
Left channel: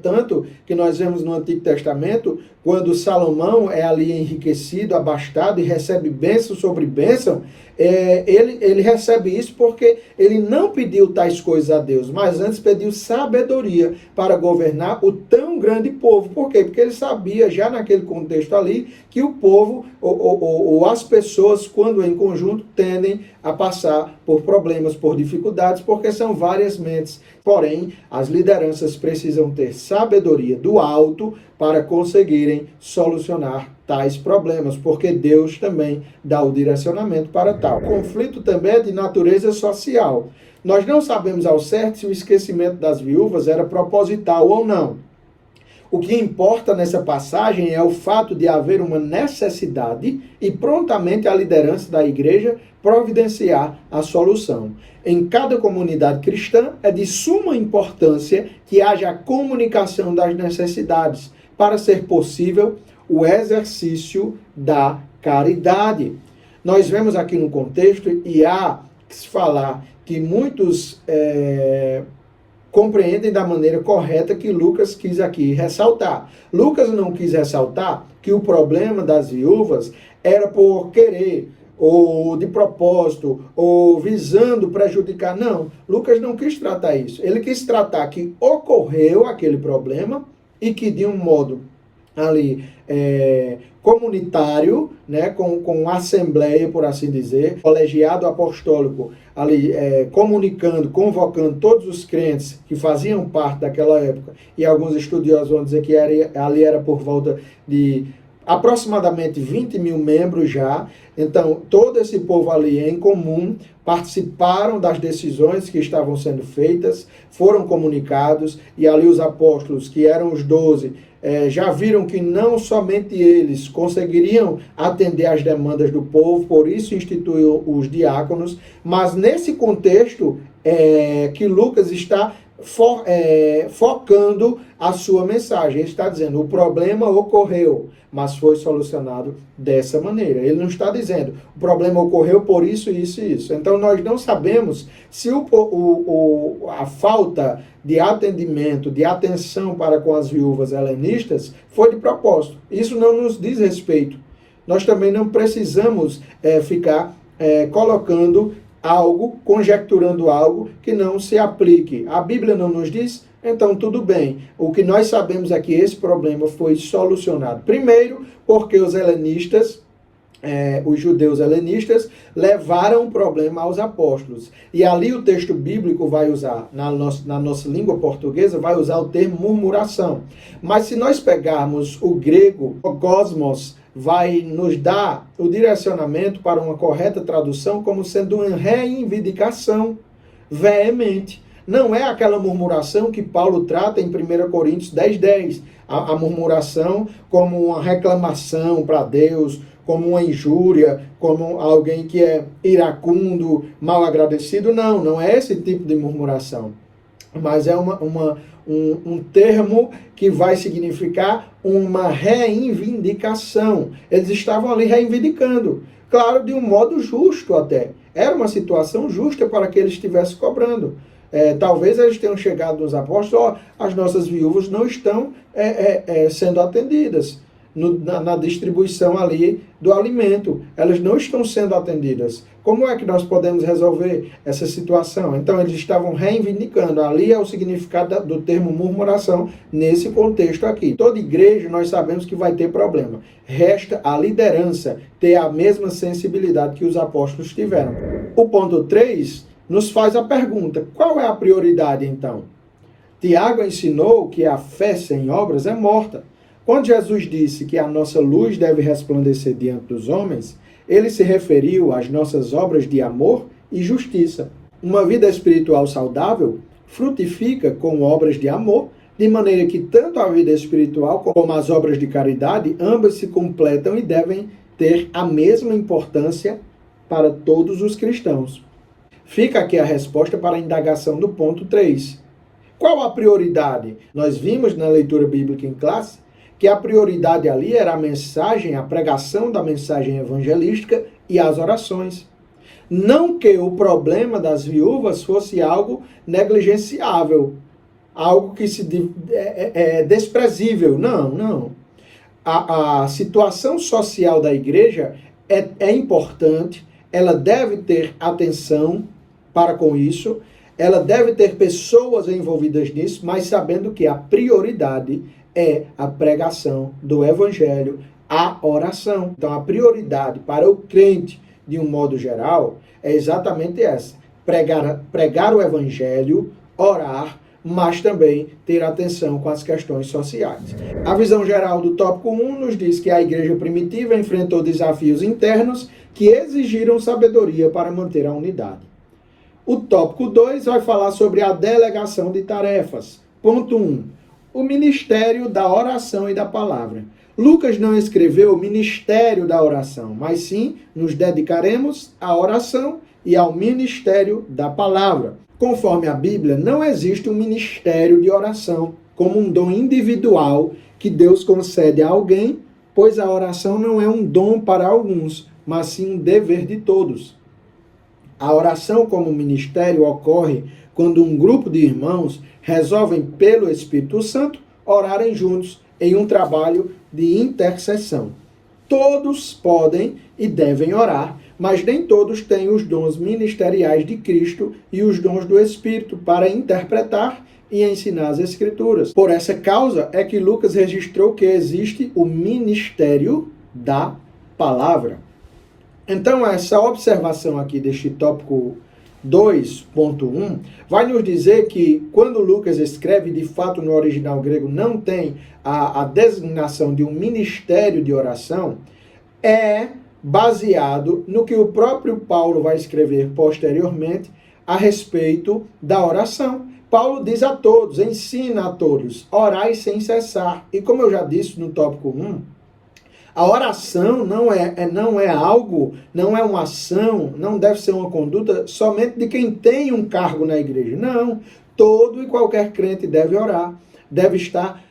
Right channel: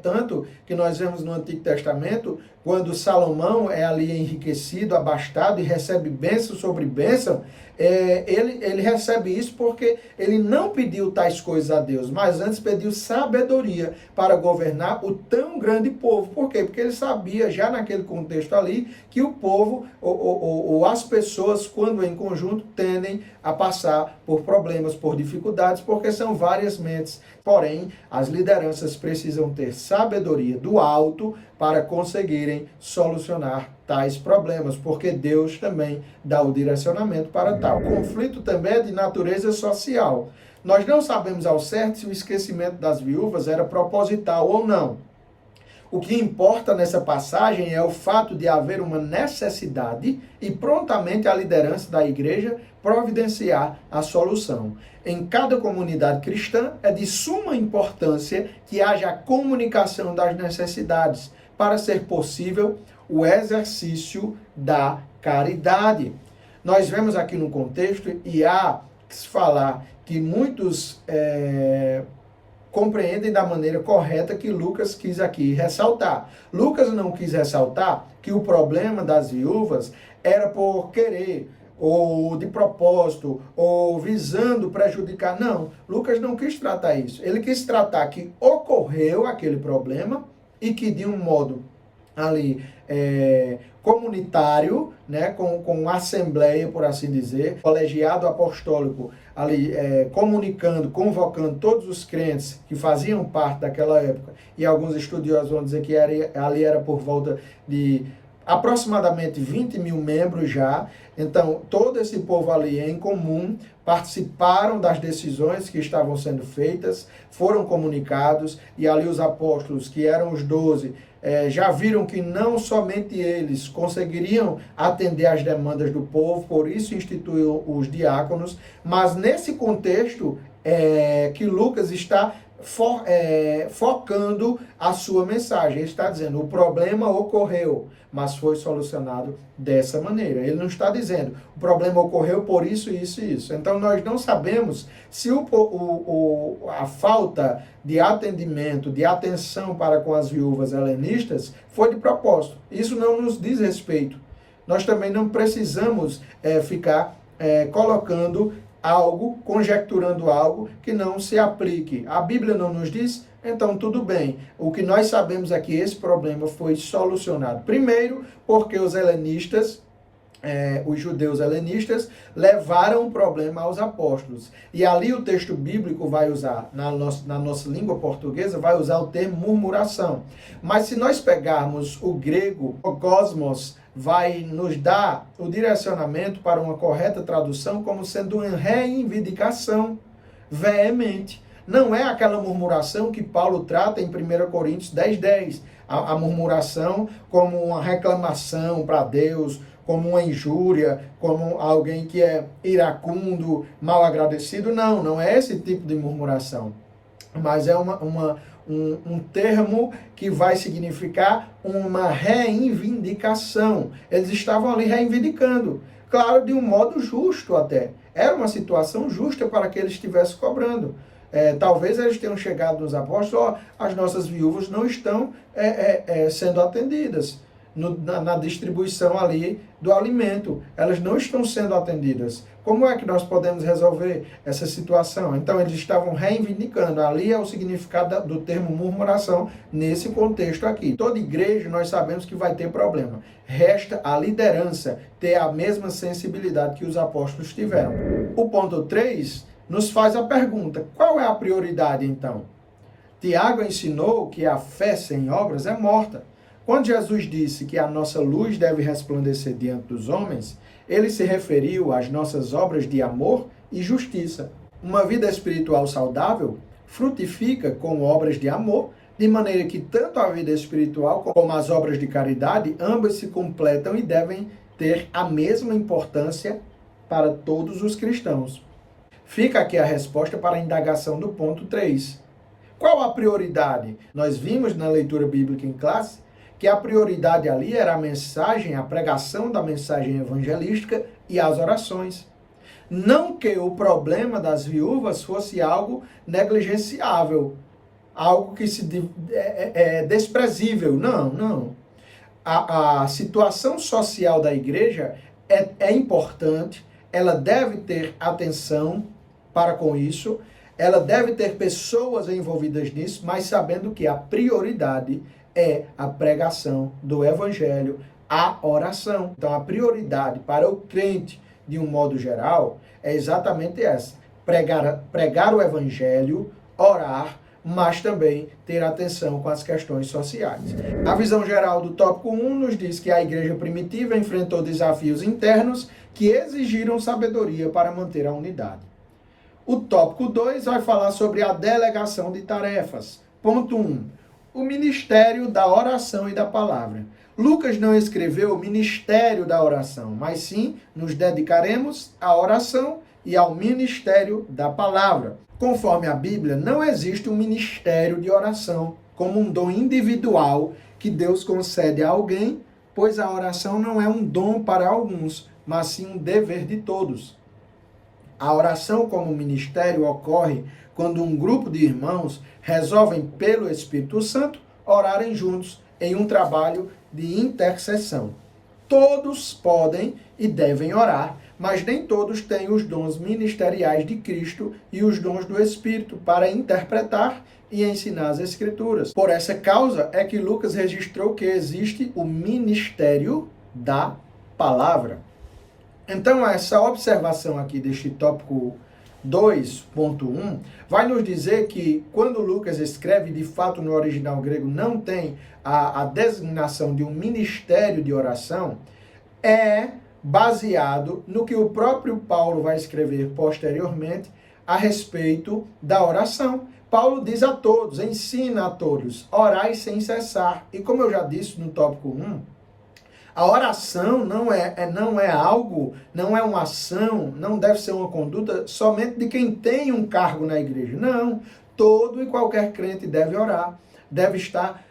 Tanto que nós vemos no Antigo Testamento, quando Salomão é ali enriquecido, abastado e recebe bênção sobre bênção, ele recebe isso porque ele não pediu tais coisas a Deus, mas antes pediu sabedoria para governar o tão grande povo. Por quê? Porque ele sabia, já naquele contexto ali, que o povo, ou as pessoas, quando em conjunto, tendem a passar por problemas, por dificuldades, porque são várias mentes. Porém, as lideranças precisam ter sabedoria do alto para conseguirem solucionar tais problemas, porque Deus também dá o direcionamento para tal. O conflito também é de natureza social. Nós não sabemos ao certo se o esquecimento das viúvas era proposital ou não. O que importa nessa passagem é o fato de haver uma necessidade e prontamente a liderança da igreja providenciar a solução. Em cada comunidade cristã é de suma importância que haja a comunicação das necessidades para ser possível o exercício da caridade. Nós vemos aqui no contexto, e há que se falar que muitos compreendem da maneira correta que Lucas quis aqui ressaltar. Lucas não quis ressaltar que o problema das viúvas era por querer, ou de propósito, ou visando prejudicar. Não, Lucas não quis tratar isso. Ele quis tratar que ocorreu aquele problema e que de um modo ali comunitário, né, com assembleia, por assim dizer, colegiado apostólico, ali comunicando, convocando todos os crentes que faziam parte daquela época, e alguns estudiosos vão dizer que ali era por volta de aproximadamente 20 mil membros já. Então, todo esse povo ali em comum participaram das decisões que estavam sendo feitas, foram comunicados, e ali os apóstolos, que eram os 12, já viram que não somente eles conseguiriam atender às demandas do povo, por isso instituiu os diáconos, mas nesse contexto que Lucas está focando a sua mensagem. Ele está dizendo, o problema ocorreu, mas foi solucionado dessa maneira. Ele não está dizendo, o problema ocorreu por isso, isso e isso. Então, nós não sabemos se a falta de atendimento, de atenção para com as viúvas helenistas foi de propósito. Isso não nos diz respeito. Nós também não precisamos ficar colocando algo, conjecturando algo que não se aplique. A Bíblia não nos diz? Então, tudo bem. O que nós sabemos é que esse problema foi solucionado. Primeiro, porque os helenistas, os judeus helenistas, levaram o problema aos apóstolos. E ali o texto bíblico vai usar, na nossa língua portuguesa, vai usar o termo murmuração. Mas se nós pegarmos o grego, o cosmos, vai nos dar o direcionamento para uma correta tradução como sendo uma reivindicação veemente. Não é aquela murmuração que Paulo trata em 1 Coríntios 10:10. A murmuração como uma reclamação para Deus, como uma injúria, como alguém que é iracundo, mal agradecido. Não é esse tipo de murmuração. Mas é um termo que vai significar uma reivindicação. Eles estavam ali reivindicando, claro, de um modo justo até. Era uma situação justa para que eles estivessem cobrando. Talvez eles tenham chegado nos apóstolos, as nossas viúvas não estão sendo atendidas na distribuição ali do alimento. Elas não estão sendo atendidas. Como é que nós podemos resolver essa situação? Então, eles estavam reivindicando. Ali é o significado do termo murmuração nesse contexto aqui. Toda igreja, nós sabemos que vai ter problema. Resta a liderança ter a mesma sensibilidade que os apóstolos tiveram. O ponto 3 nos faz a pergunta: qual é a prioridade, então? Tiago ensinou que a fé sem obras é morta. Quando Jesus disse que a nossa luz deve resplandecer diante dos homens, ele se referiu às nossas obras de amor e justiça. Uma vida espiritual saudável frutifica com obras de amor, de maneira que tanto a vida espiritual como as obras de caridade, ambas se completam e devem ter a mesma importância para todos os cristãos. Fica aqui a resposta para a indagação do ponto 3. Qual a prioridade? Nós vimos na leitura bíblica em classe que a prioridade ali era a mensagem, a pregação da mensagem evangelística e as orações. Não que o problema das viúvas fosse algo negligenciável, algo que é desprezível. Não. A situação social da igreja é importante, ela deve ter atenção para com isso, ela deve ter pessoas envolvidas nisso, mas sabendo que a prioridade é a pregação do evangelho, a oração. Então, a prioridade para o crente, de um modo geral, é exatamente essa: pregar o evangelho, orar, mas também ter atenção com as questões sociais. A visão geral do tópico 1 nos diz que a igreja primitiva enfrentou desafios internos que exigiram sabedoria para manter a unidade. O tópico 2 vai falar sobre a delegação de tarefas. Ponto 1. O ministério da oração e da palavra. Lucas não escreveu o ministério da oração, mas sim nos dedicaremos à oração e ao ministério da palavra. Conforme a Bíblia, não existe um ministério de oração como um dom individual que Deus concede a alguém, pois a oração não é um dom para alguns, mas sim um dever de todos. A oração como ministério ocorre quando um grupo de irmãos resolvem, pelo Espírito Santo, orarem juntos em um trabalho de intercessão. Todos podem e devem orar, mas nem todos têm os dons ministeriais de Cristo e os dons do Espírito para interpretar e ensinar as Escrituras. Por essa causa é que Lucas registrou que existe o ministério da palavra. Então, essa observação aqui deste tópico 2.1 vai nos dizer que quando Lucas escreve, de fato no original grego não tem a designação de um ministério de oração, é baseado no que o próprio Paulo vai escrever posteriormente a respeito da oração. Paulo diz a todos, ensina a todos, orai sem cessar. E como eu já disse no tópico 1, a oração não é algo, não é uma ação, não deve ser uma conduta somente de quem tem um cargo na igreja. Não, todo e qualquer crente deve orar, deve estar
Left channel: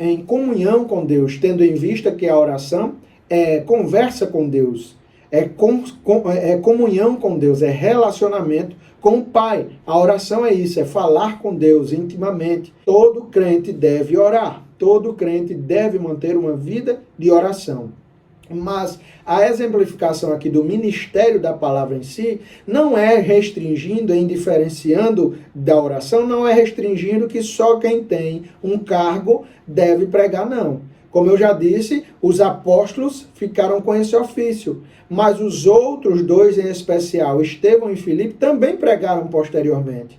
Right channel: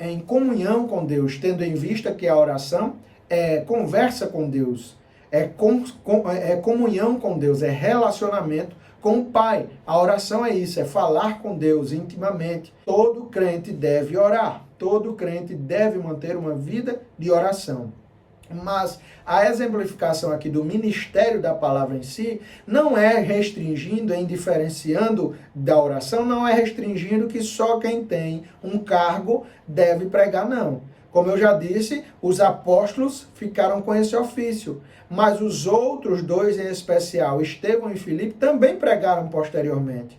em comunhão com Deus, tendo em vista que a oração é conversa com Deus, é comunhão com Deus, é relacionamento com o Pai. A oração é isso, é falar com Deus intimamente. Todo crente deve orar. Todo crente deve manter uma vida de oração. Mas a exemplificação aqui do ministério da palavra em si não é restringindo, indiferenciando da oração, não é restringindo que só quem tem um cargo deve pregar, não. Como eu já disse, os apóstolos ficaram com esse ofício, mas os outros dois em especial, Estevão e Filipe, também pregaram posteriormente.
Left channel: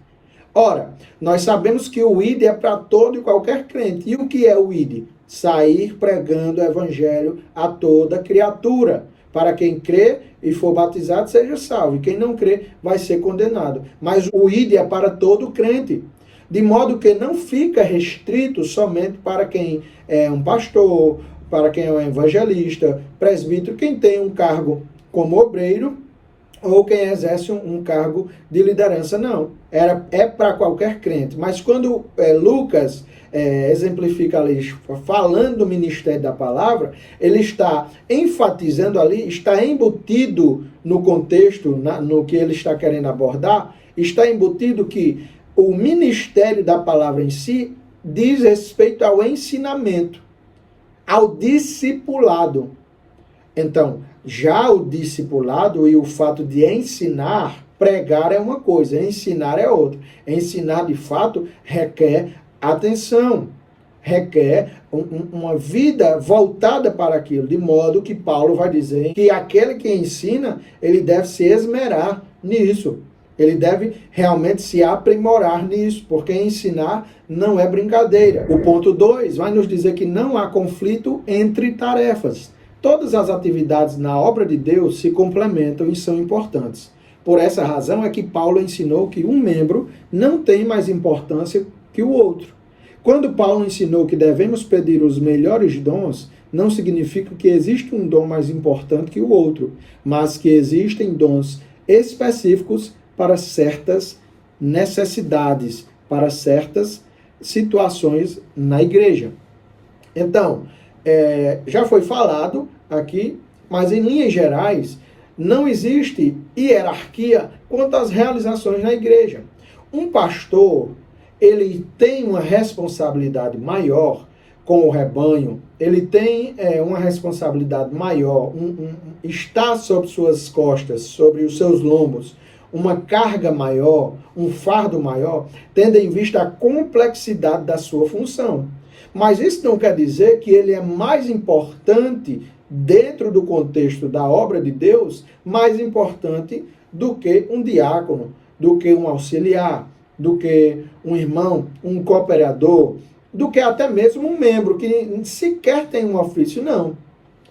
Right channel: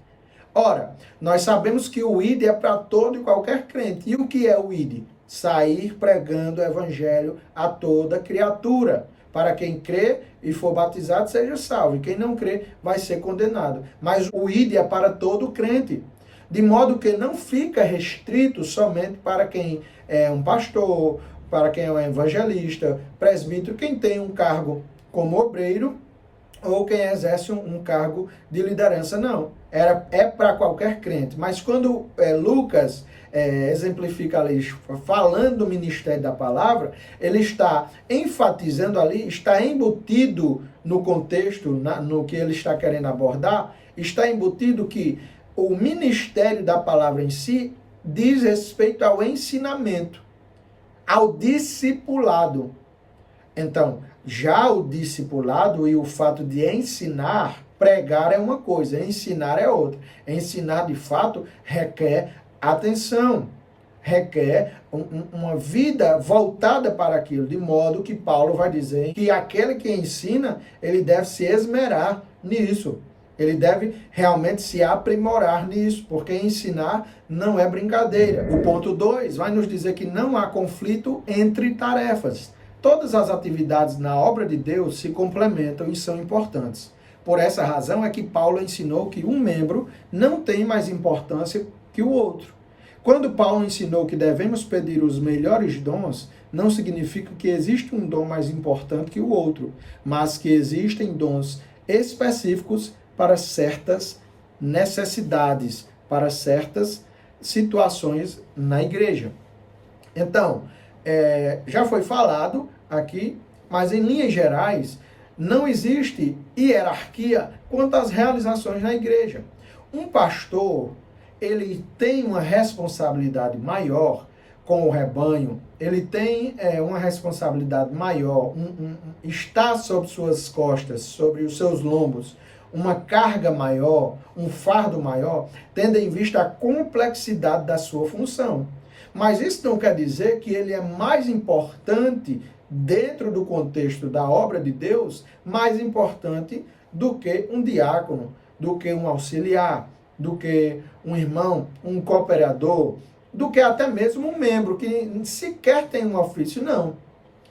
Ora, nós sabemos que o ID é para todo e qualquer crente. E o que é o ID? Sair pregando o evangelho a toda criatura. Para quem crê e for batizado, seja salvo. E quem não crê, vai ser condenado. Mas o ID é para todo crente. De modo que não fica restrito somente para quem é um pastor, para quem é um evangelista, presbítero, quem tem um cargo como obreiro, ou quem exerce um cargo de liderança, não. É para qualquer crente. Mas quando Lucas exemplifica ali, falando do ministério da palavra, ele está enfatizando ali, está embutido no contexto, no que ele está querendo abordar, está embutido que o ministério da palavra em si diz respeito ao ensinamento, ao discipulado. Então, já o discipulado e o fato de ensinar, pregar é uma coisa, ensinar é outra. Ensinar, de fato, requer atenção, requer uma vida voltada para aquilo, de modo que Paulo vai dizer que aquele que ensina, ele deve se esmerar nisso. Ele deve realmente se aprimorar nisso, porque ensinar não é brincadeira. O ponto 2 vai nos dizer que não há conflito entre tarefas. Todas as atividades na obra de Deus se complementam e são importantes. Por essa razão é que Paulo ensinou que um membro não tem mais importância que o outro. Quando Paulo ensinou que devemos pedir os melhores dons, não significa que existe um dom mais importante que o outro, mas que existem dons específicos para certas necessidades, para certas situações na igreja. Então, já foi falado aqui, mas em linhas gerais, não existe hierarquia quanto às realizações na igreja. Um pastor, ele tem uma responsabilidade maior com o rebanho, ele tem uma responsabilidade maior, está sobre suas costas, sobre os seus lombos, uma carga maior, um fardo maior, tendo em vista a complexidade da sua função. Mas isso não quer dizer que ele é mais importante dentro do contexto da obra de Deus, mais importante do que um diácono, do que um auxiliar, do que um irmão, um cooperador, do que até mesmo um membro que sequer tem um ofício, não.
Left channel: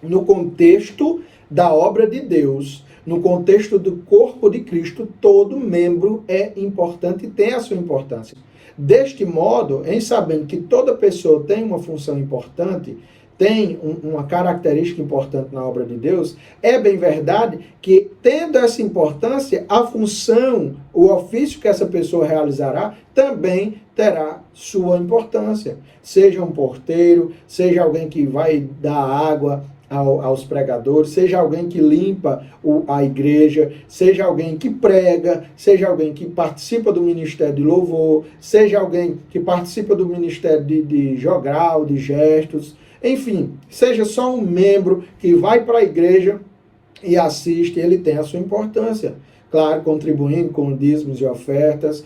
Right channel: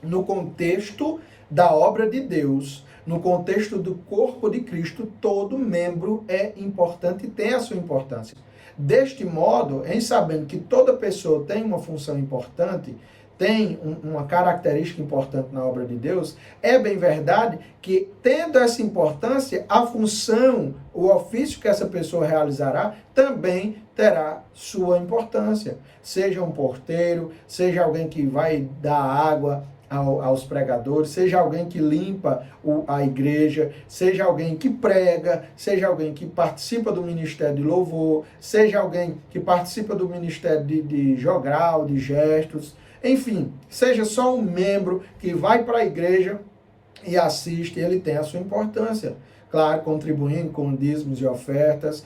No contexto da obra de Deus, no contexto do corpo de Cristo, todo membro é importante e tem a sua importância. Deste modo, em sabendo que toda pessoa tem uma função importante, tem uma característica importante na obra de Deus, é bem verdade que, tendo essa importância, a função, o ofício que essa pessoa realizará, também terá sua importância. Seja um porteiro, seja alguém que vai dar água aos pregadores, seja alguém que limpa a igreja, seja alguém que prega, seja alguém que participa do ministério de louvor, seja alguém que participa do ministério de jogral, de gestos, enfim, seja só um membro que vai para a igreja e assiste, ele tem a sua importância. Claro, contribuindo com dízimos e ofertas,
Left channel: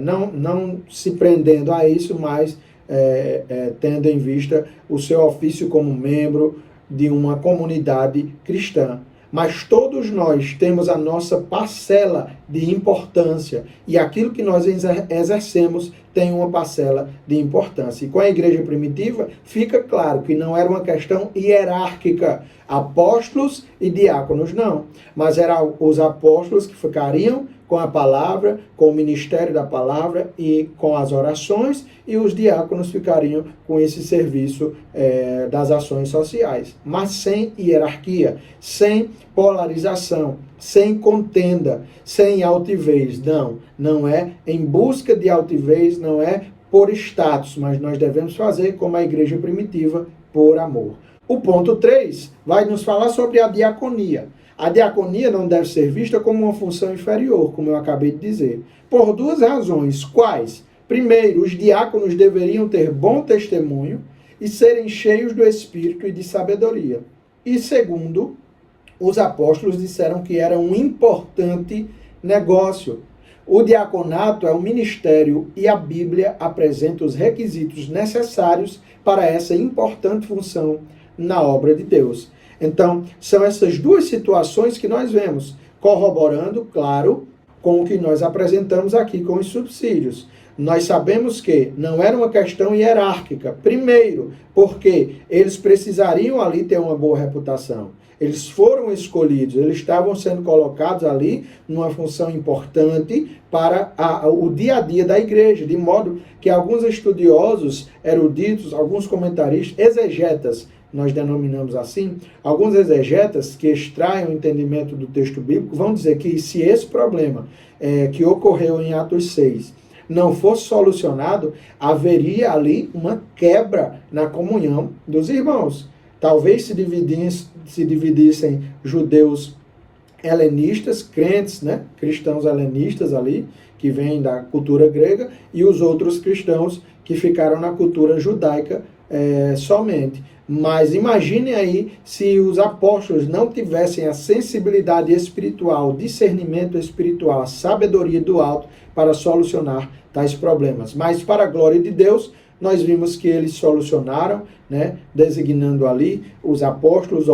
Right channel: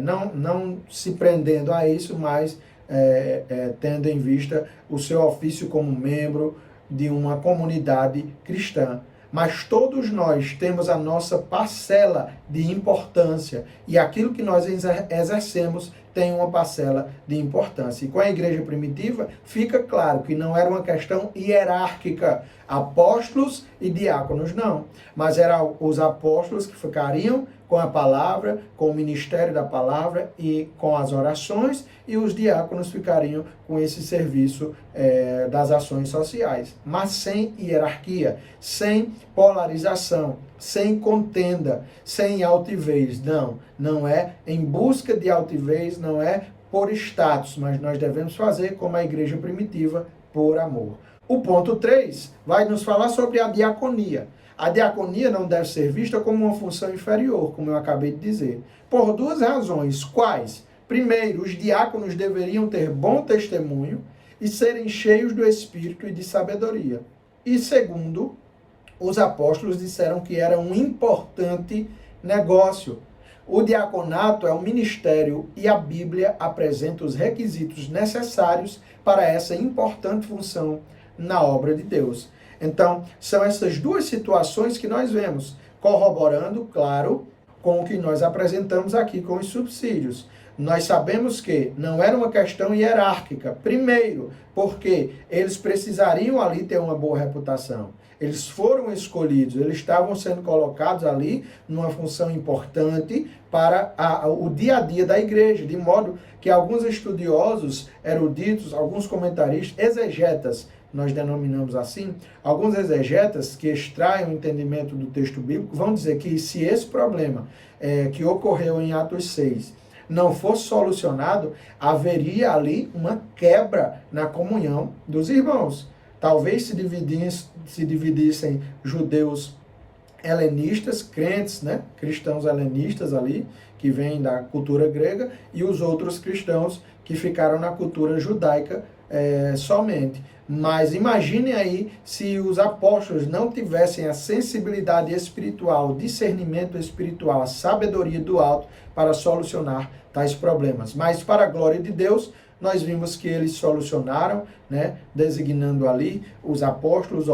não se prendendo a isso, mas tendo em vista o seu ofício como membro de uma comunidade cristã. Mas todos nós temos a nossa parcela de importância e aquilo que nós exercemos tem uma parcela de importância. E com a igreja primitiva fica claro que não era uma questão hierárquica, apóstolos e diáconos não, mas eram os apóstolos que ficariam com a palavra, com o ministério da palavra e com as orações, e os diáconos ficariam com esse serviço das ações sociais, mas sem hierarquia, sem polarização, sem contenda, sem altivez. Não é em busca de altivez, não é por status, mas nós devemos fazer como a igreja primitiva, por amor. O ponto 3 vai nos falar sobre a diaconia. A diaconia não deve ser vista como uma função inferior, como eu acabei de dizer, por duas razões. Quais? Primeiro, os diáconos deveriam ter bom testemunho e serem cheios do Espírito e de sabedoria. E segundo, os apóstolos disseram que era um importante negócio. O diaconato é um ministério e a Bíblia apresenta os requisitos necessários para essa importante função na obra de Deus. Então, são essas duas situações que nós vemos, corroborando, claro, com o que nós apresentamos aqui com os subsídios. Nós sabemos que não era uma questão hierárquica. Primeiro, porque eles precisariam ali ter uma boa reputação. Eles foram escolhidos, eles estavam sendo colocados ali numa função importante para o dia a dia da igreja, de modo que alguns estudiosos, eruditos, alguns comentaristas, exegetas, nós denominamos assim, alguns exegetas que extraem o entendimento do texto bíblico vão dizer que se esse problema que ocorreu em Atos 6 não fosse solucionado, haveria ali uma quebra na comunhão dos irmãos. Talvez se dividissem judeus helenistas, crentes, né? Cristãos helenistas ali, que vêm da cultura grega, e os outros cristãos que ficaram na cultura judaica somente. Mas imaginem aí se os apóstolos não tivessem a sensibilidade espiritual, o discernimento espiritual, a sabedoria do alto para solucionar tais problemas. Mas para a glória de Deus, nós vimos que eles solucionaram, né, designando ali os apóstolos,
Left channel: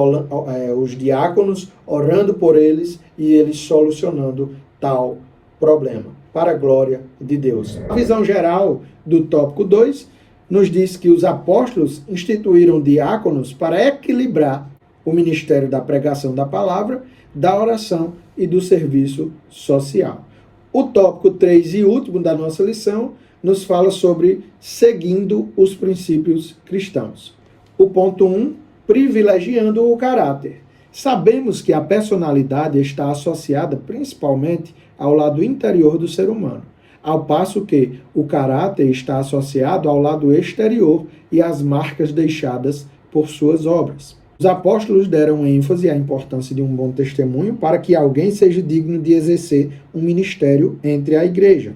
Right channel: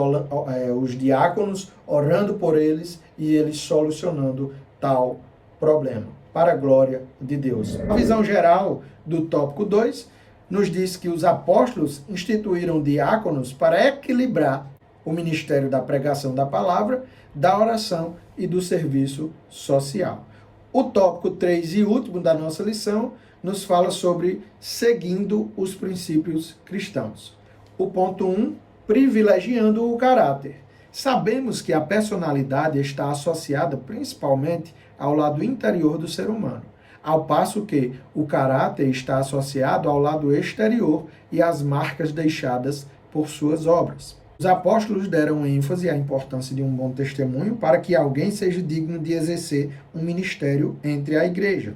os diáconos, orando por eles e eles solucionando tal problema, para a glória de Deus. A visão geral do tópico 2 nos diz que os apóstolos instituíram diáconos para equilibrar o ministério da pregação da palavra, da oração e do serviço social. O tópico 3 e último da nossa lição nos fala sobre seguindo os princípios cristãos. O ponto 1, privilegiando o caráter. Sabemos que a personalidade está associada principalmente ao lado interior do ser humano, ao passo que o caráter está associado ao lado exterior e às marcas deixadas por suas obras. Os apóstolos deram ênfase à importância de um bom testemunho para que alguém seja digno de exercer um ministério entre a igreja.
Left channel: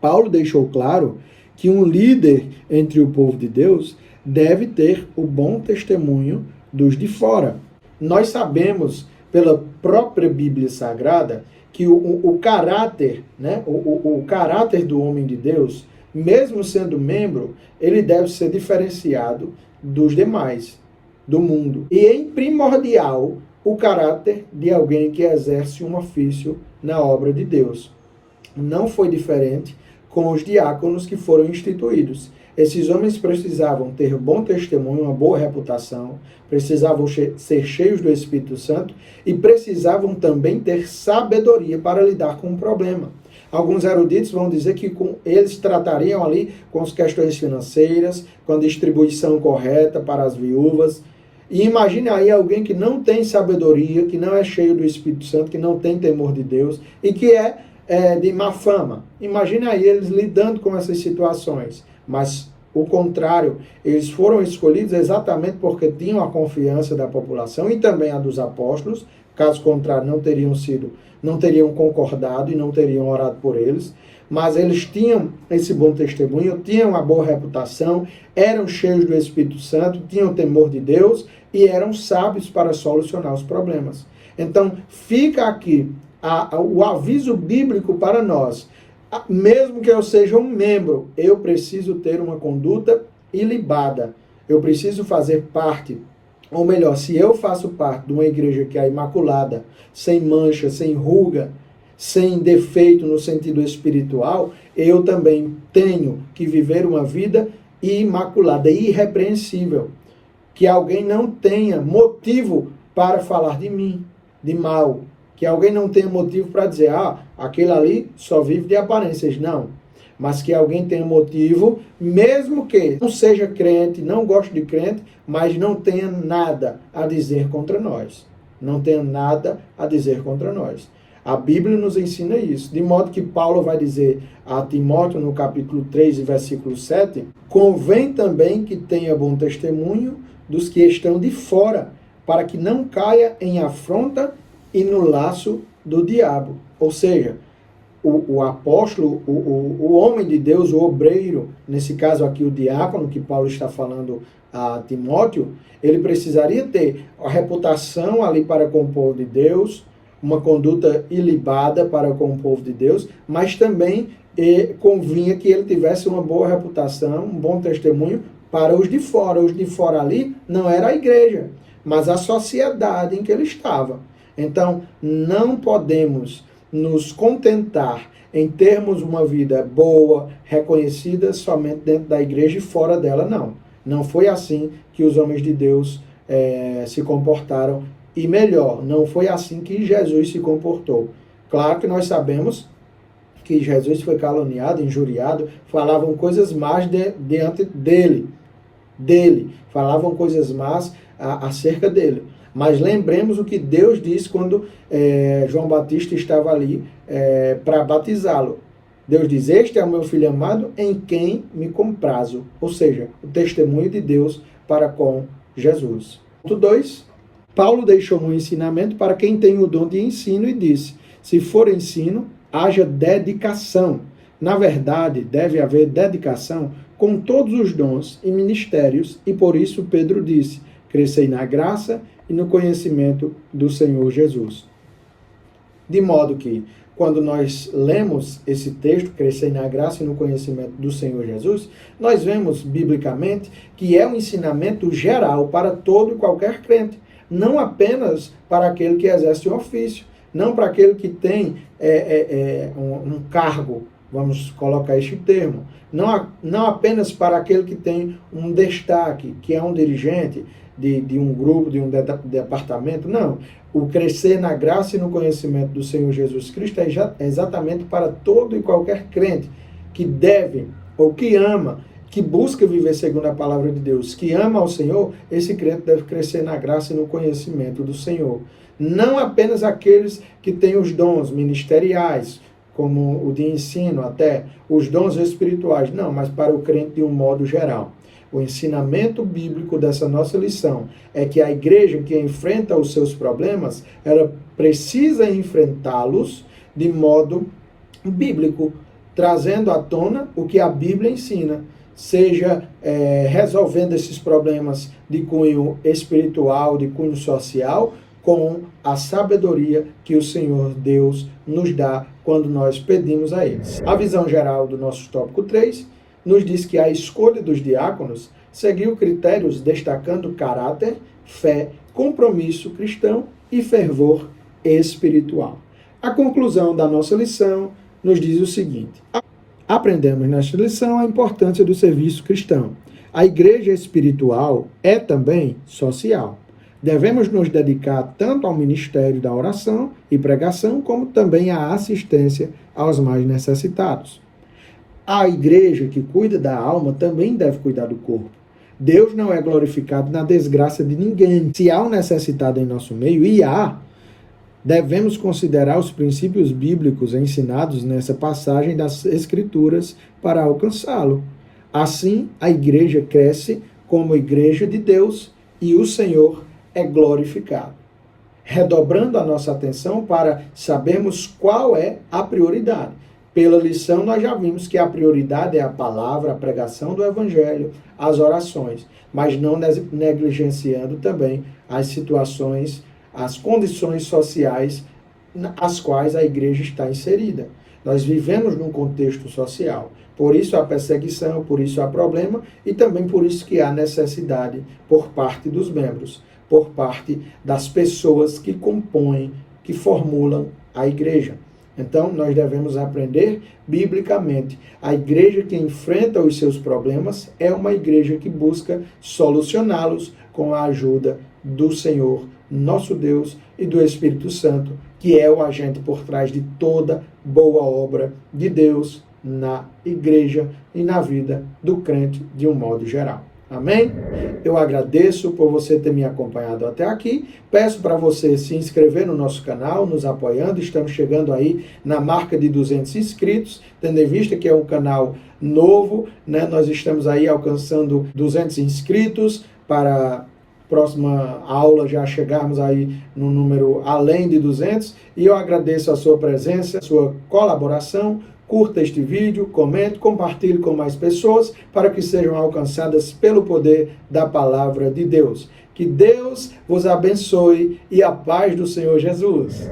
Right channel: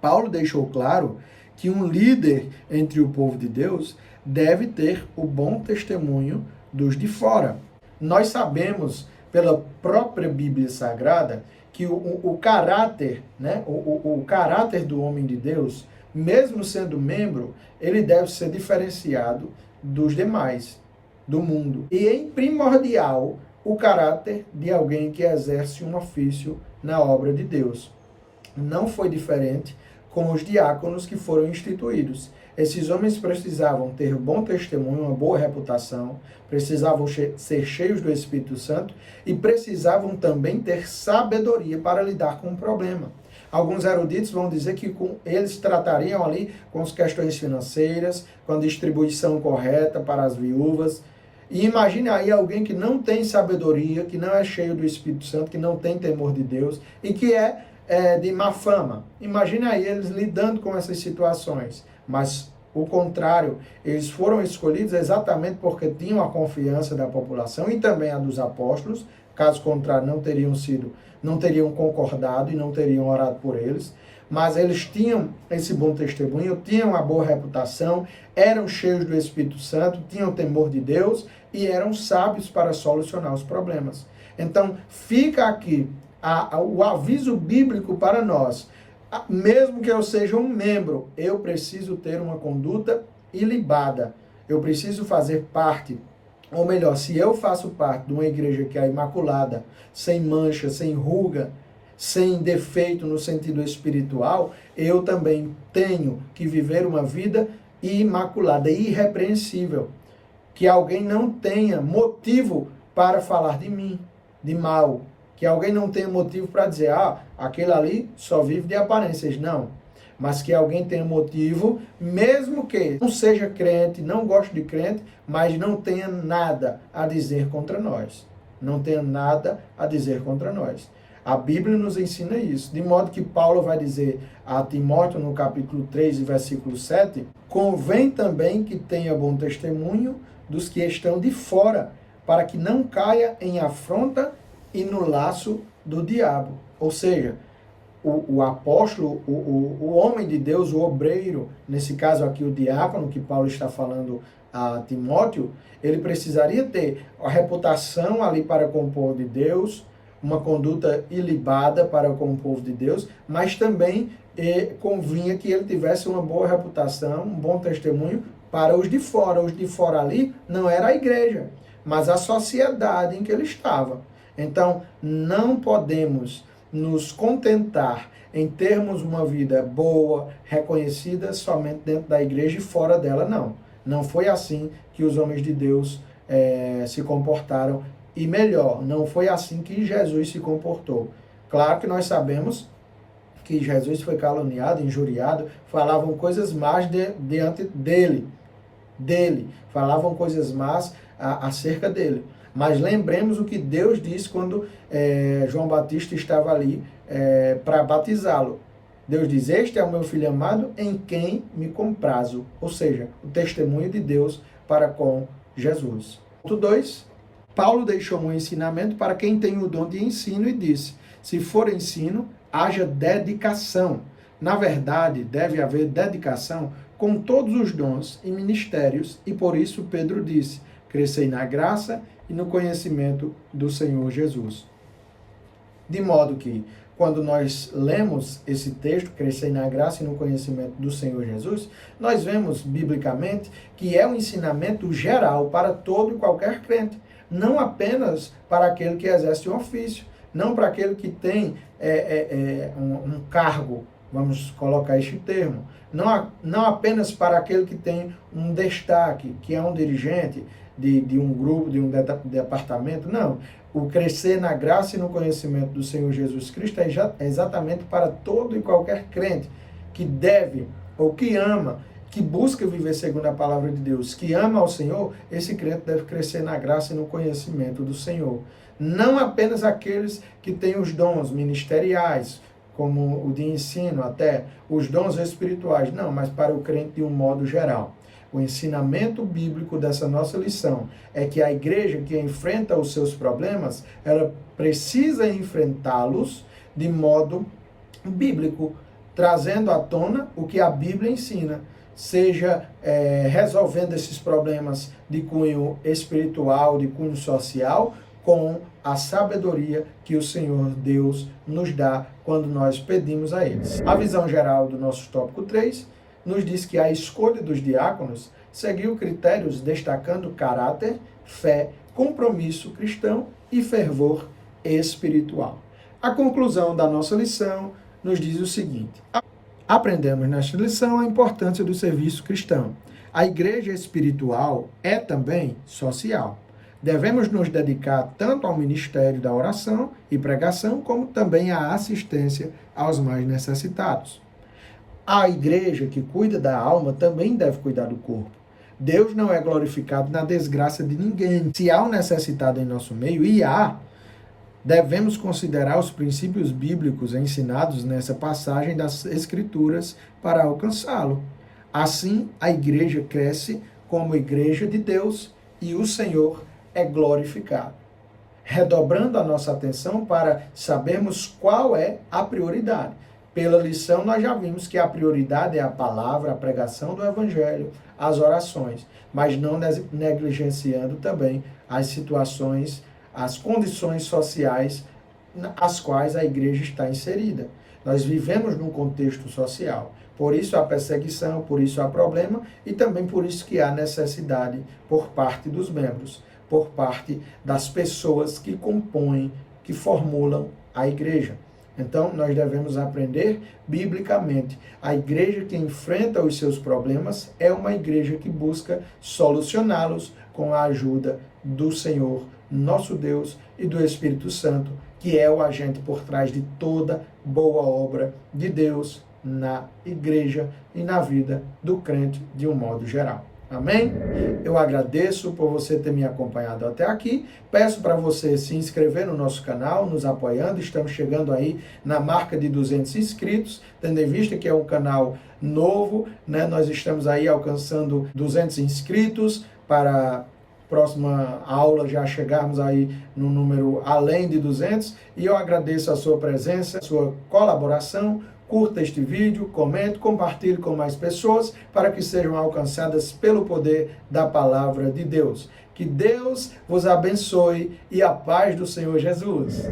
Paulo deixou claro que um líder entre o povo de Deus deve ter o bom testemunho dos de fora. Nós sabemos, pela própria Bíblia Sagrada, que o caráter, né, o caráter do homem de Deus, mesmo sendo membro, ele deve ser diferenciado dos demais, do mundo. E em primordial, o caráter de alguém que exerce um ofício na obra de Deus. Não foi diferente com os diáconos que foram instituídos. Esses homens precisavam ter bom testemunho, uma boa reputação, precisavam ser cheios do Espírito Santo e precisavam também ter sabedoria para lidar com o problema. Alguns eruditos vão dizer que eles tratariam ali com as questões financeiras, com a distribuição correta para as viúvas. E imagine aí alguém que não tem sabedoria, que não é cheio do Espírito Santo, que não tem temor de Deus e que é de má fama. Imagine aí eles lidando com essas situações. Mas o contrário, eles foram escolhidos exatamente porque tinham a confiança da população e também a dos apóstolos. Caso contrário, não teriam concordado e não teriam orado por eles. Mas eles tinham esse bom testemunho, tinham uma boa reputação, eram cheios do Espírito Santo, tinham temor de Deus e eram sábios para solucionar os problemas. Então, fica aqui o aviso bíblico para nós. Mesmo que eu seja um membro, eu preciso ter uma conduta ilibada. Eu preciso fazer parte, ou melhor, se eu faço parte de uma igreja que é imaculada, sem mancha, sem ruga, sem defeito no sentido espiritual, eu também tenho que viver uma vida imaculada, irrepreensível. Que alguém não tenha motivo para falar de mim, de mal. Que alguém não tenha motivo para dizer, aquele ali só vive de aparências. Não. Mas que alguém tenha motivo, mesmo que não seja crente, não goste de crente, mas não tenha nada a dizer contra nós. Não tenha nada a dizer contra nós. A Bíblia nos ensina isso. De modo que Paulo vai dizer a Timóteo, no capítulo 3, versículo 7, convém também que tenha bom testemunho dos que estão de fora, para que não caia em afronta e no laço do diabo. Ou seja, o apóstolo, o homem de Deus, o obreiro, nesse caso aqui o diácono, que Paulo está falando a Timóteo, ele precisaria ter a reputação ali para com o povo de Deus, uma conduta ilibada para com o povo de Deus, mas também convinha que ele tivesse uma boa reputação, um bom testemunho para os de fora. Os de fora ali não era a igreja, mas a sociedade em que ele estava. Então, não podemos nos contentar em termos uma vida boa, reconhecida somente dentro da igreja e fora dela, não. Não foi assim que os homens de Deus se comportaram. E melhor, não foi assim que Jesus se comportou. Claro que nós sabemos que Jesus foi caluniado, injuriado, falavam coisas más diante dele. Falavam coisas más acerca dele. Mas lembremos o que Deus disse quando João Batista estava ali para batizá-lo. Deus diz, este é o meu filho amado em quem me comprazo. Ou seja, o testemunho de Deus para com Jesus. Ponto 2, Paulo deixou um ensinamento para quem tem o dom de ensino e disse: se for ensino, haja dedicação. Na verdade, deve haver dedicação com todos os dons e ministérios, e por isso Pedro disse: crescei na graça e no conhecimento do Senhor Jesus. De modo que, quando nós lemos esse texto, crescei na graça e no conhecimento do Senhor Jesus, nós vemos biblicamente que é um ensinamento geral para todo e qualquer crente, não apenas para aquele que exerce um ofício, não para aquele que tem um cargo, vamos colocar este termo, não apenas para aquele que tem um destaque, que é um dirigente de um grupo, de um departamento, não. O crescer na graça e no conhecimento do Senhor Jesus Cristo é exatamente para todo e qualquer crente que deve, ou que ama, que busca viver segundo a palavra de Deus, que ama ao Senhor, esse crente deve crescer na graça e no conhecimento do Senhor. Não apenas aqueles que têm os dons ministeriais, como o de ensino, até os dons espirituais, não, mas para o crente de um modo geral. O ensinamento bíblico dessa nossa lição é que a igreja que enfrenta os seus problemas, ela precisa enfrentá-los de modo bíblico, trazendo à tona o que a Bíblia ensina, seja resolvendo esses problemas de cunho espiritual, de cunho social, com a sabedoria que o Senhor Deus nos dá quando nós pedimos a eles. A visão geral do nosso tópico 3 nos diz que a escolha dos diáconos seguiu critérios destacando caráter, fé, compromisso cristão e fervor espiritual. A conclusão da nossa lição nos diz o seguinte: aprendemos nesta lição a importância do serviço cristão. A igreja espiritual é também social. Devemos nos dedicar tanto ao ministério da oração e pregação, como também à assistência aos mais necessitados. A igreja que cuida da alma também deve cuidar do corpo. Deus não é glorificado na desgraça de ninguém. Se há um necessitado em nosso meio, e há, devemos considerar os princípios bíblicos ensinados nessa passagem das Escrituras para alcançá-lo. Assim, a igreja cresce como igreja de Deus e o Senhor é glorificado. Redobrando a nossa atenção para sabermos qual é a prioridade. Pela lição, nós já vimos que a prioridade é a palavra, a pregação do evangelho, as orações, mas não negligenciando também as situações, as condições sociais às quais a igreja está inserida. Nós vivemos num contexto social, por isso há perseguição, por isso há problema e também por isso que há necessidade por parte dos membros, por parte das pessoas que compõem, que formulam a igreja. Então, nós devemos aprender biblicamente. A igreja que enfrenta os seus problemas é uma igreja que busca solucioná-los com a ajuda do Senhor, nosso Deus, e do Espírito Santo, que é o agente por trás de toda boa obra de Deus na igreja e na vida do crente de um modo geral. Amém? Eu agradeço por você ter me acompanhado até aqui. Peço para você se inscrever no nosso canal, nos apoiando. Estamos chegando aí na marca de 200 inscritos, tendo em vista que é um canal novo, né? Nós estamos aí alcançando 200 inscritos para próxima aula já chegarmos aí no número além de 200. E eu agradeço a sua presença, a sua colaboração. Curta este vídeo, comente, compartilhe com mais pessoas para que sejam alcançadas pelo poder da palavra de Deus. Que Deus vos abençoe e a paz do Senhor Jesus.